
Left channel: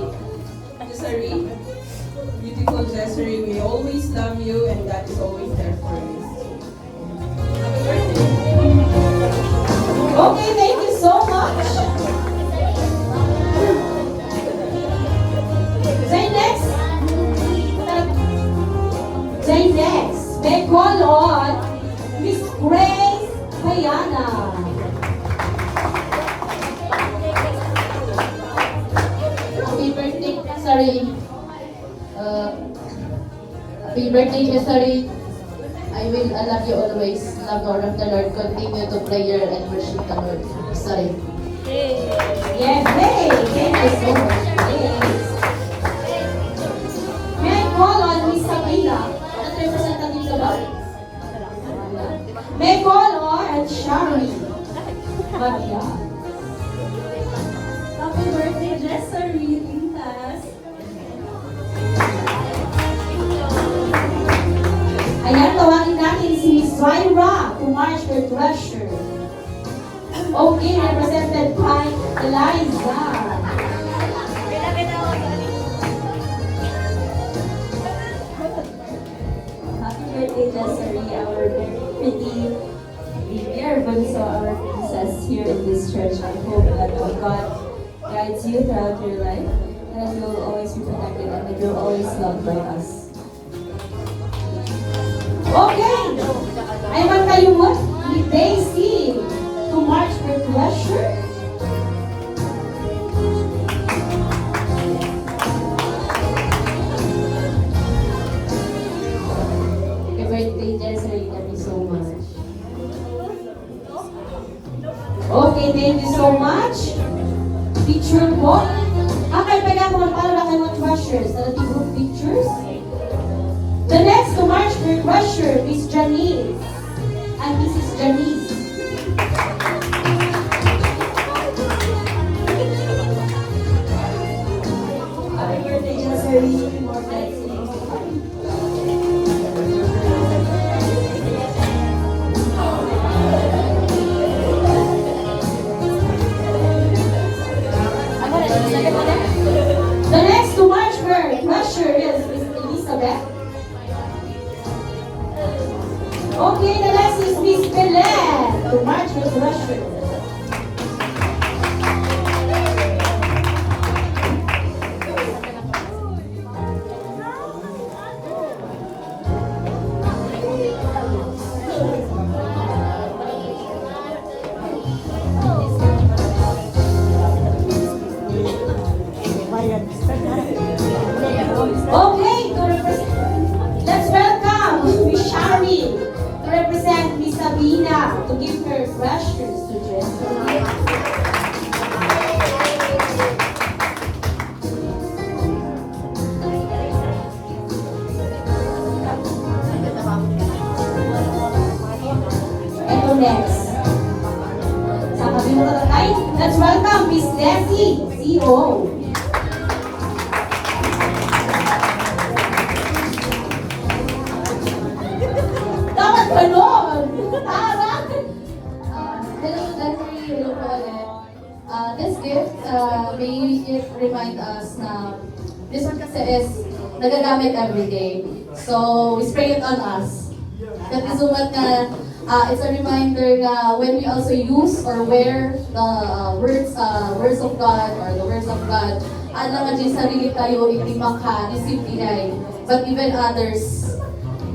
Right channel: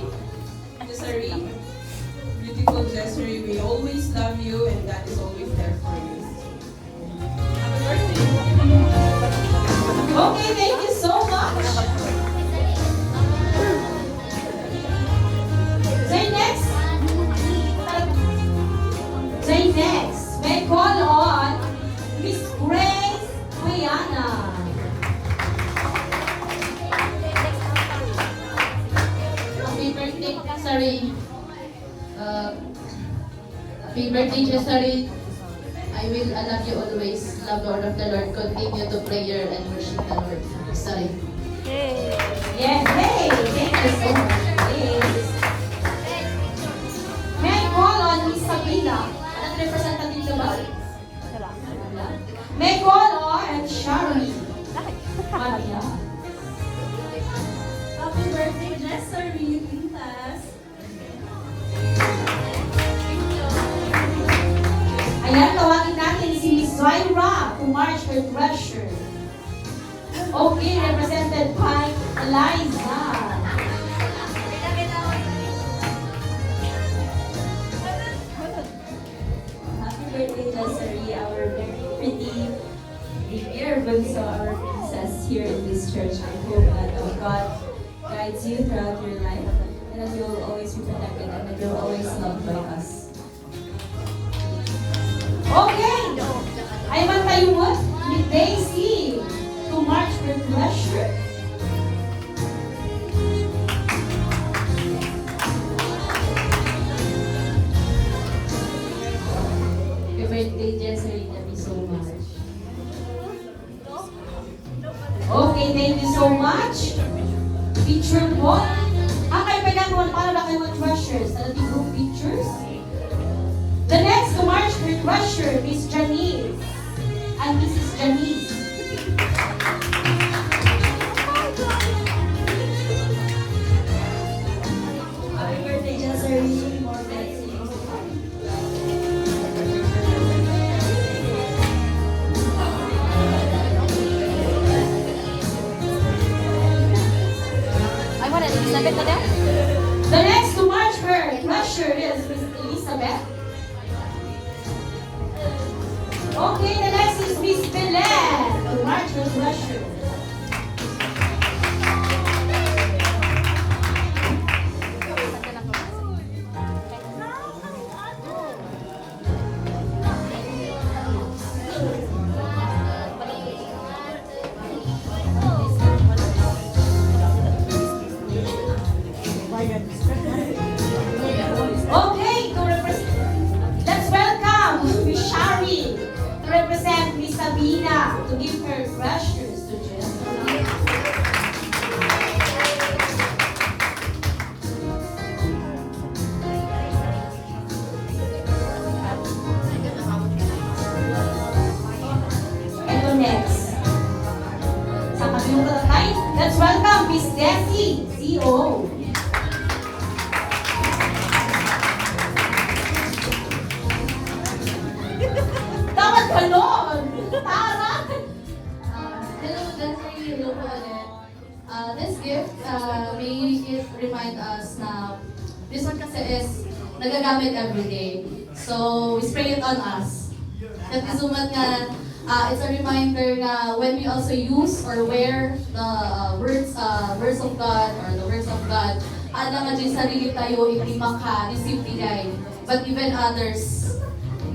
Jessery, beautiful Jessery, we always love you and God is always there for you. Happy birthday. Okay, thank you so much. Say next. Say next. May call on Miss Grace Hayana. Happy birthday, Jessery. Happy birthday, Jessery. I will love you always. Love Lord of the Lord. Continue to prayer and worship the Lord. Sorry. Yes, hey, thank you so much. Yes. May I call on Miss Sabina? At representative ka ba? May I call on Shari Maria. Happy birthday, Jessery. Pintas. Ayan, tawagin natin si Miss Myra to march her treasure. Okay, represented by Eliza. Happy birthday, Jessery. about your life, and that you will always be protected and that you will always loved by us. Okay! Ay magtayumot ni Daisy to march with pleasure. Happy birthday, Jessel. Love you so much. Okay, thank you so much. Picture po. Okay, pegang mo para kayo mga treasures. Sa ating group pictures. The next to march with treasure is Janice. And this is Janice. Happy birthday, Jessary. More blessings. The next to march with treasure is Miss Elizabeth. Okay, the next is Miss Belen to march with treasure. Okay, to represent, let's welcome Miss Shari to represent Miss Sabina to give her treasures to Jessica. Ito next. Sa kabilang tatay, let's welcome Miss Desi, CO. Dapat ganon! Tara! Hello, Jessel. Hello po ulit. This gift, may it remind us na this one kasi is nagagamit every day. So, we spray it on us. That is one na it's a reminder na when we also use or wear the words of God or the words of God, naman din sarili tayo hindi maka-receive digay. But even others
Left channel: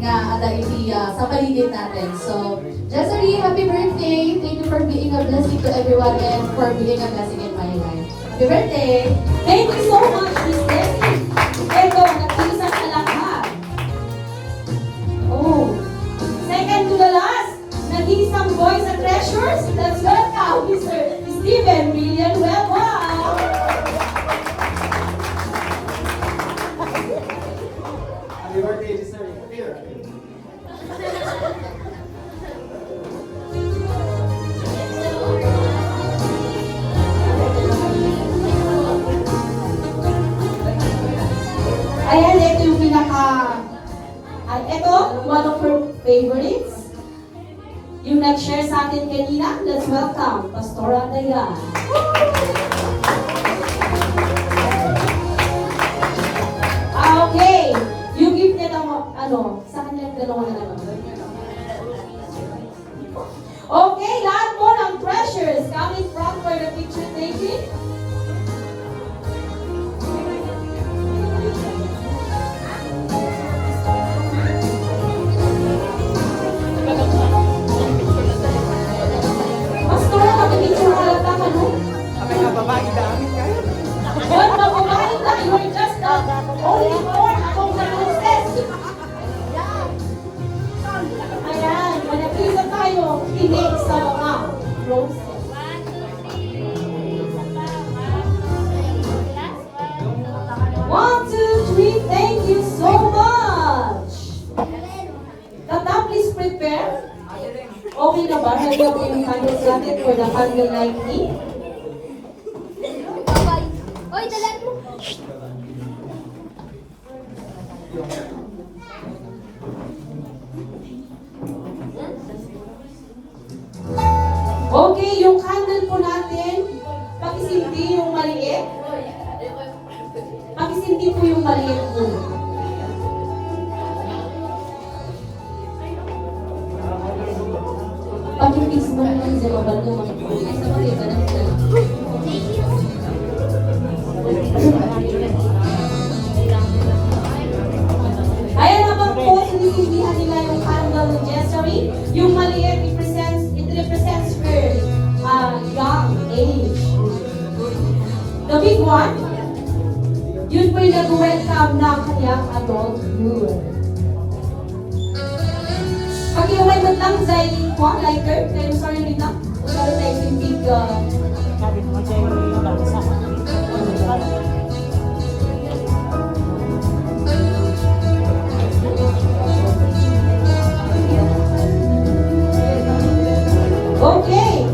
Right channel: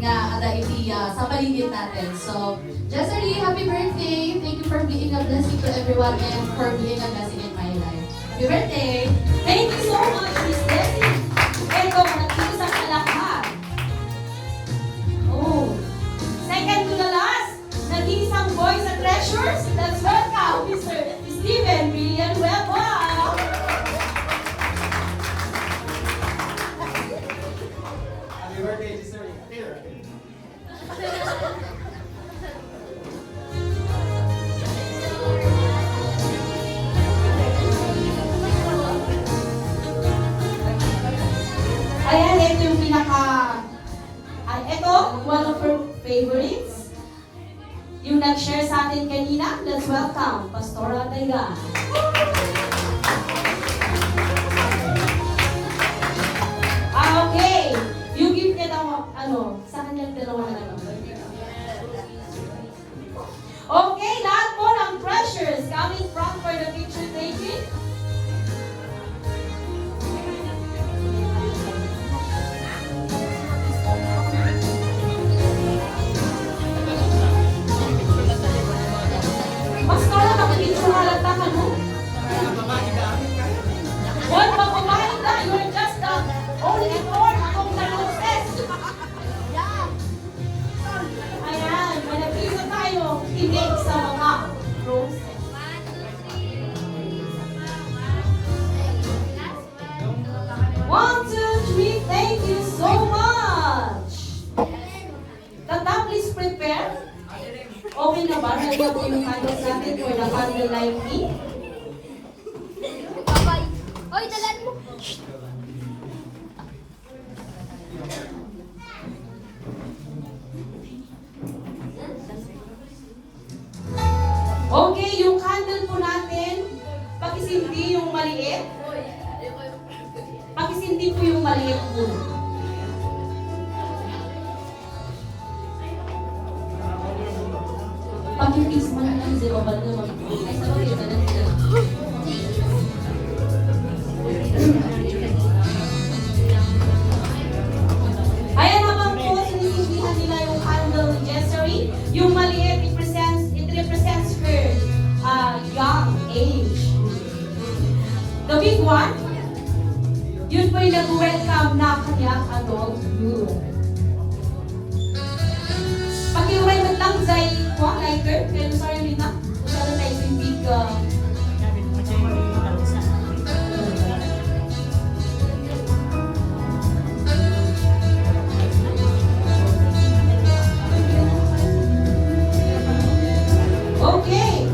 na ada iti sa paligid natin. So, Jessary, happy birthday! Thank you for being a blessing to everyone and for being a blessing in my life. Happy birthday! Thank you so much, Miss Desi. Ito, nag-isa sa lahat. Oh, second to the last, nag-iisang boy sa treasures. Let's welcome Mr. Steven Villanueva. Happy birthday, Jessel. Here. Ayan, ito yung ito, one of her favorites. Yung nag-share sa atin kanina, let's welcome Pastora Dayan. Okay. You give niya ng, sa kanyang dalawa na lang. Okay, lahat po ng treasures coming from for the picture taking. Pastora, kapag-picture na lang naman mo. What mababae na? You're just the only born among the roses. Ayan, manapisa tayo. Tinig sa mga roses. 1, 2, 3, thank you so much. Tata, please prepare. Okay na ba? Ready na po yung candles natin for the candle lighting? Oy, dalan mo. Okay, yung candle po natin, pakisindi yung maliit. Pakisindi po yung maliit po. Pag-fix mo na lang sa bawal mo. Ay, sa mga iba na usually nag-welcome ng kanyang adulthood. Pag-iway mo lang sa lighter, kaya sorry rin na, para tayo sindig Sabi ko sa'yo, sa okay.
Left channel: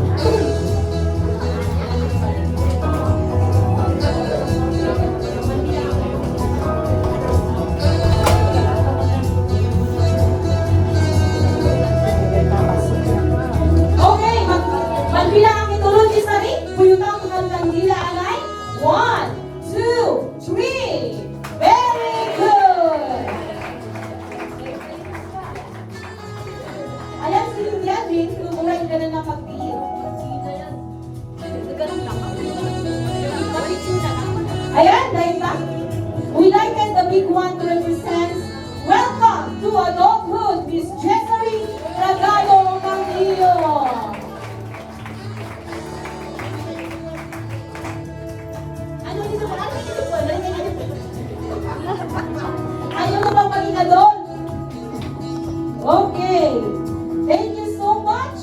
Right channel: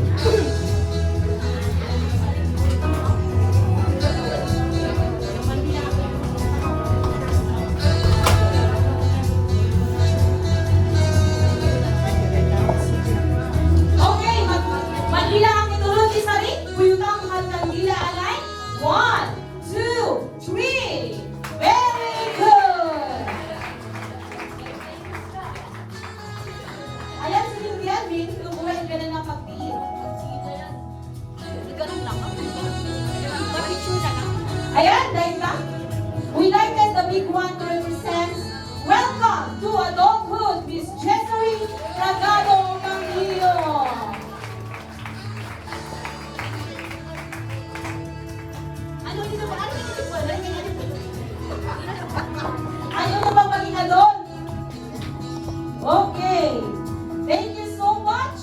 Okay, magbilang ang itulog ni Sari. Buyutang mga kandila alay. 1, 2, 3. Very good. Ayan si Lilian, lumuhay ka na ng pagpil. Ayan, dahil ba? We lighted the big one to represent welcome to adulthood, Miss Jessery Ragado Camillo. Ano dito ba? Ano dito ba? Ayaw na bang maging adult? Okay. Thank you so much.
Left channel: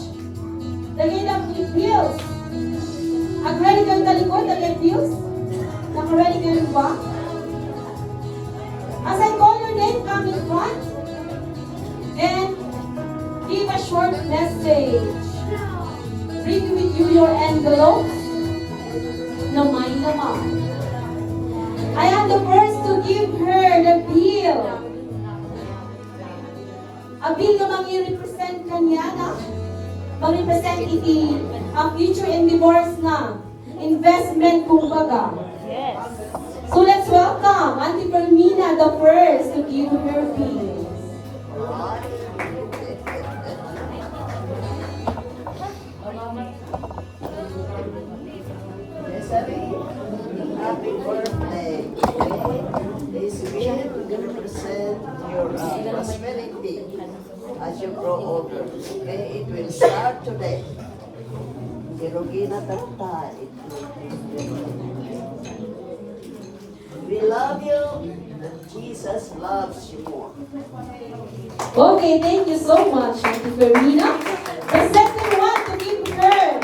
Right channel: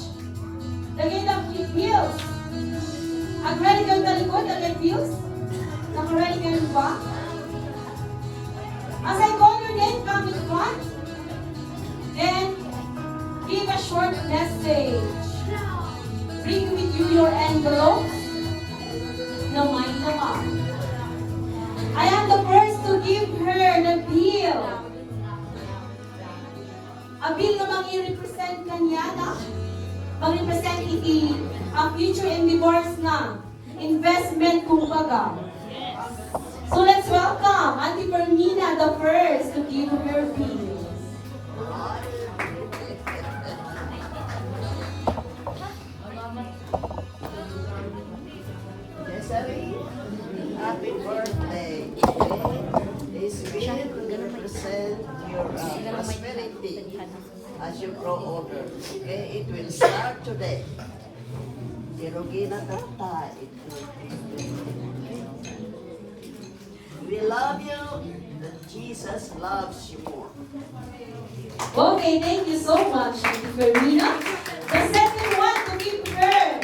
Lagay ng bills. Ang ready kang talikod, lagay bills. Naka-ready ka rin ba? As I call your name, come in front. Then, give a short message. Bring with you your envelope. Na may laman. I am the first to give her the bill. A bill na mang-i-represent kanya na. Mang-represent ang future endeavors na. Investment kumbaga. So let's welcome Auntie Permina, the first to give her bill. Desiree, happy birthday. This will represent your prosperity as you grow older. And it will start today. Kirugina tata, it we love you, and Jesus loves you more. Okay, thank you so much, Auntie Permina. The second one to give her.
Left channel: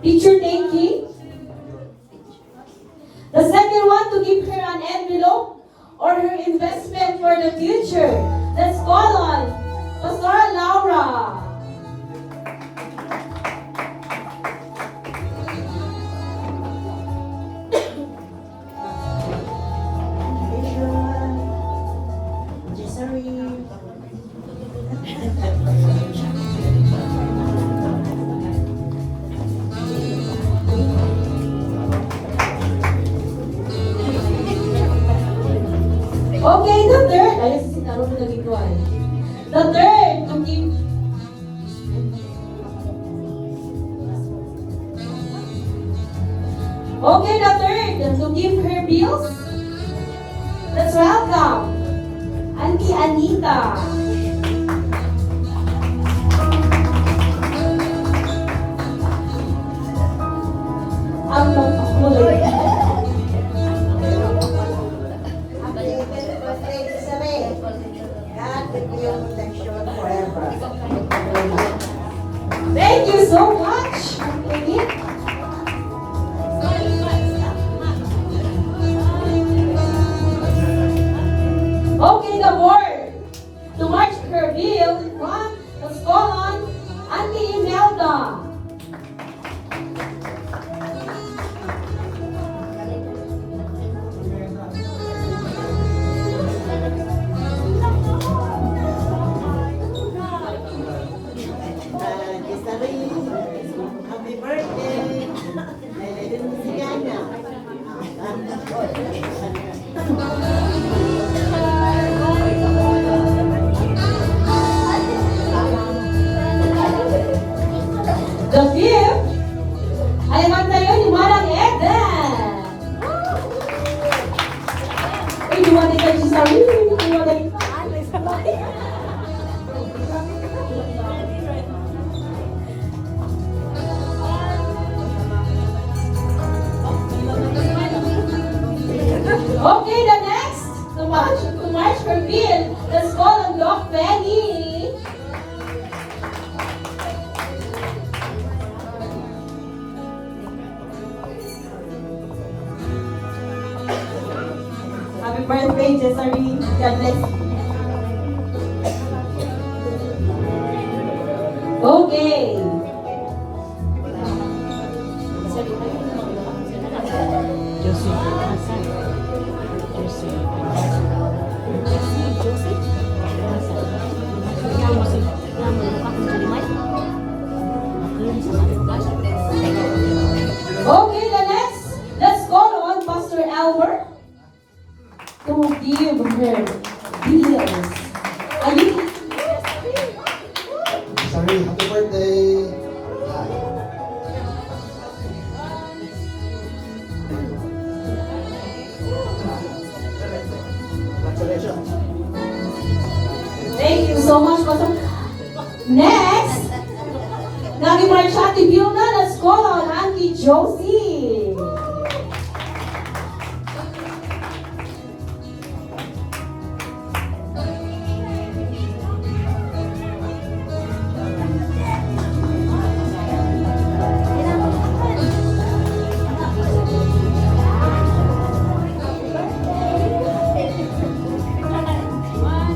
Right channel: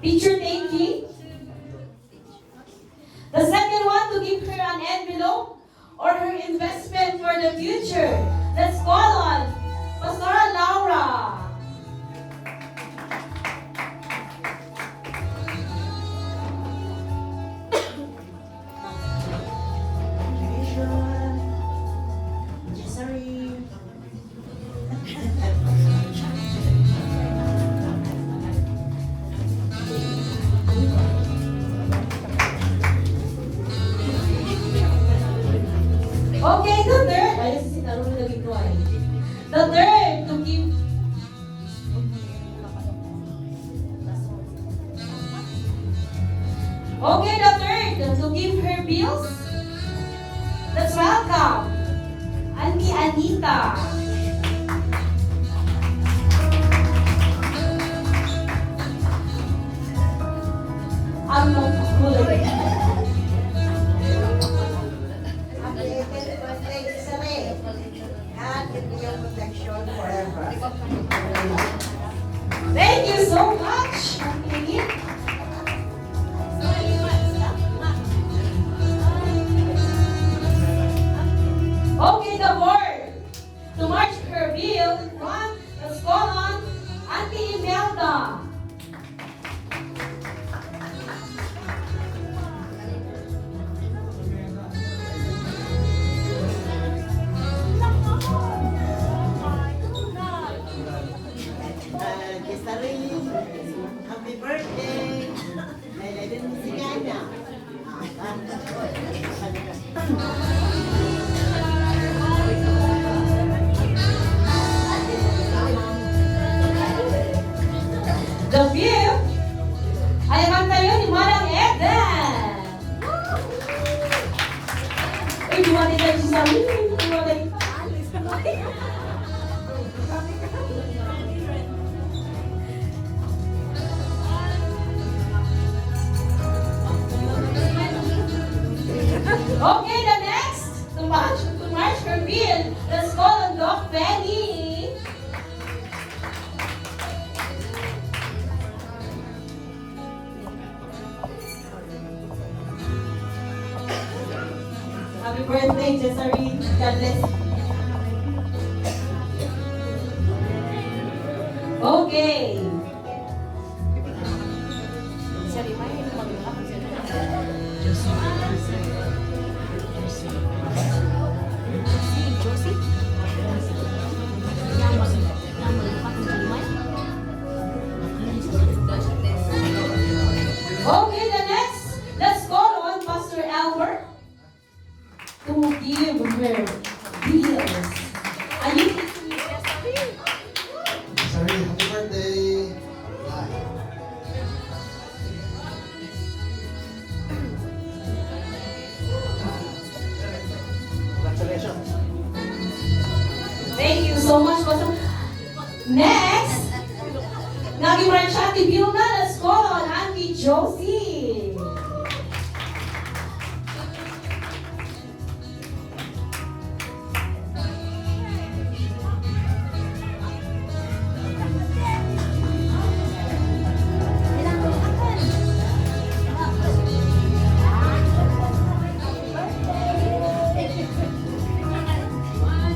Picture taking. The second one to give her an envelope or her investment for the future. Let's call on Pastora Laura. Okay, the third. Ay, si Taro na naging tuwa eh. The third to give. Okay, the third to give her bills. Let's welcome Auntie Anita. Ang kulay. Happy birthday, Desiree. God give you protection forever. Thank you so much, Auntie Anita. Okay, the word to march her bill. One, let's call on Auntie Imelda. Desiree, happy birthday. Sigana. The bill ay magtayo ni Manang Eden. Uy, dumating tayo si Sarili. Dumating. Happy birthday, Desiree. God bless. Okay. Okay, let's call on Pastor Albert to give her deals. Ayun. Sorry, happy birthday. Congratulations. Thank you so much, Pastor. Next, naging branch Ate Vilna, let's call on Auntie Josie.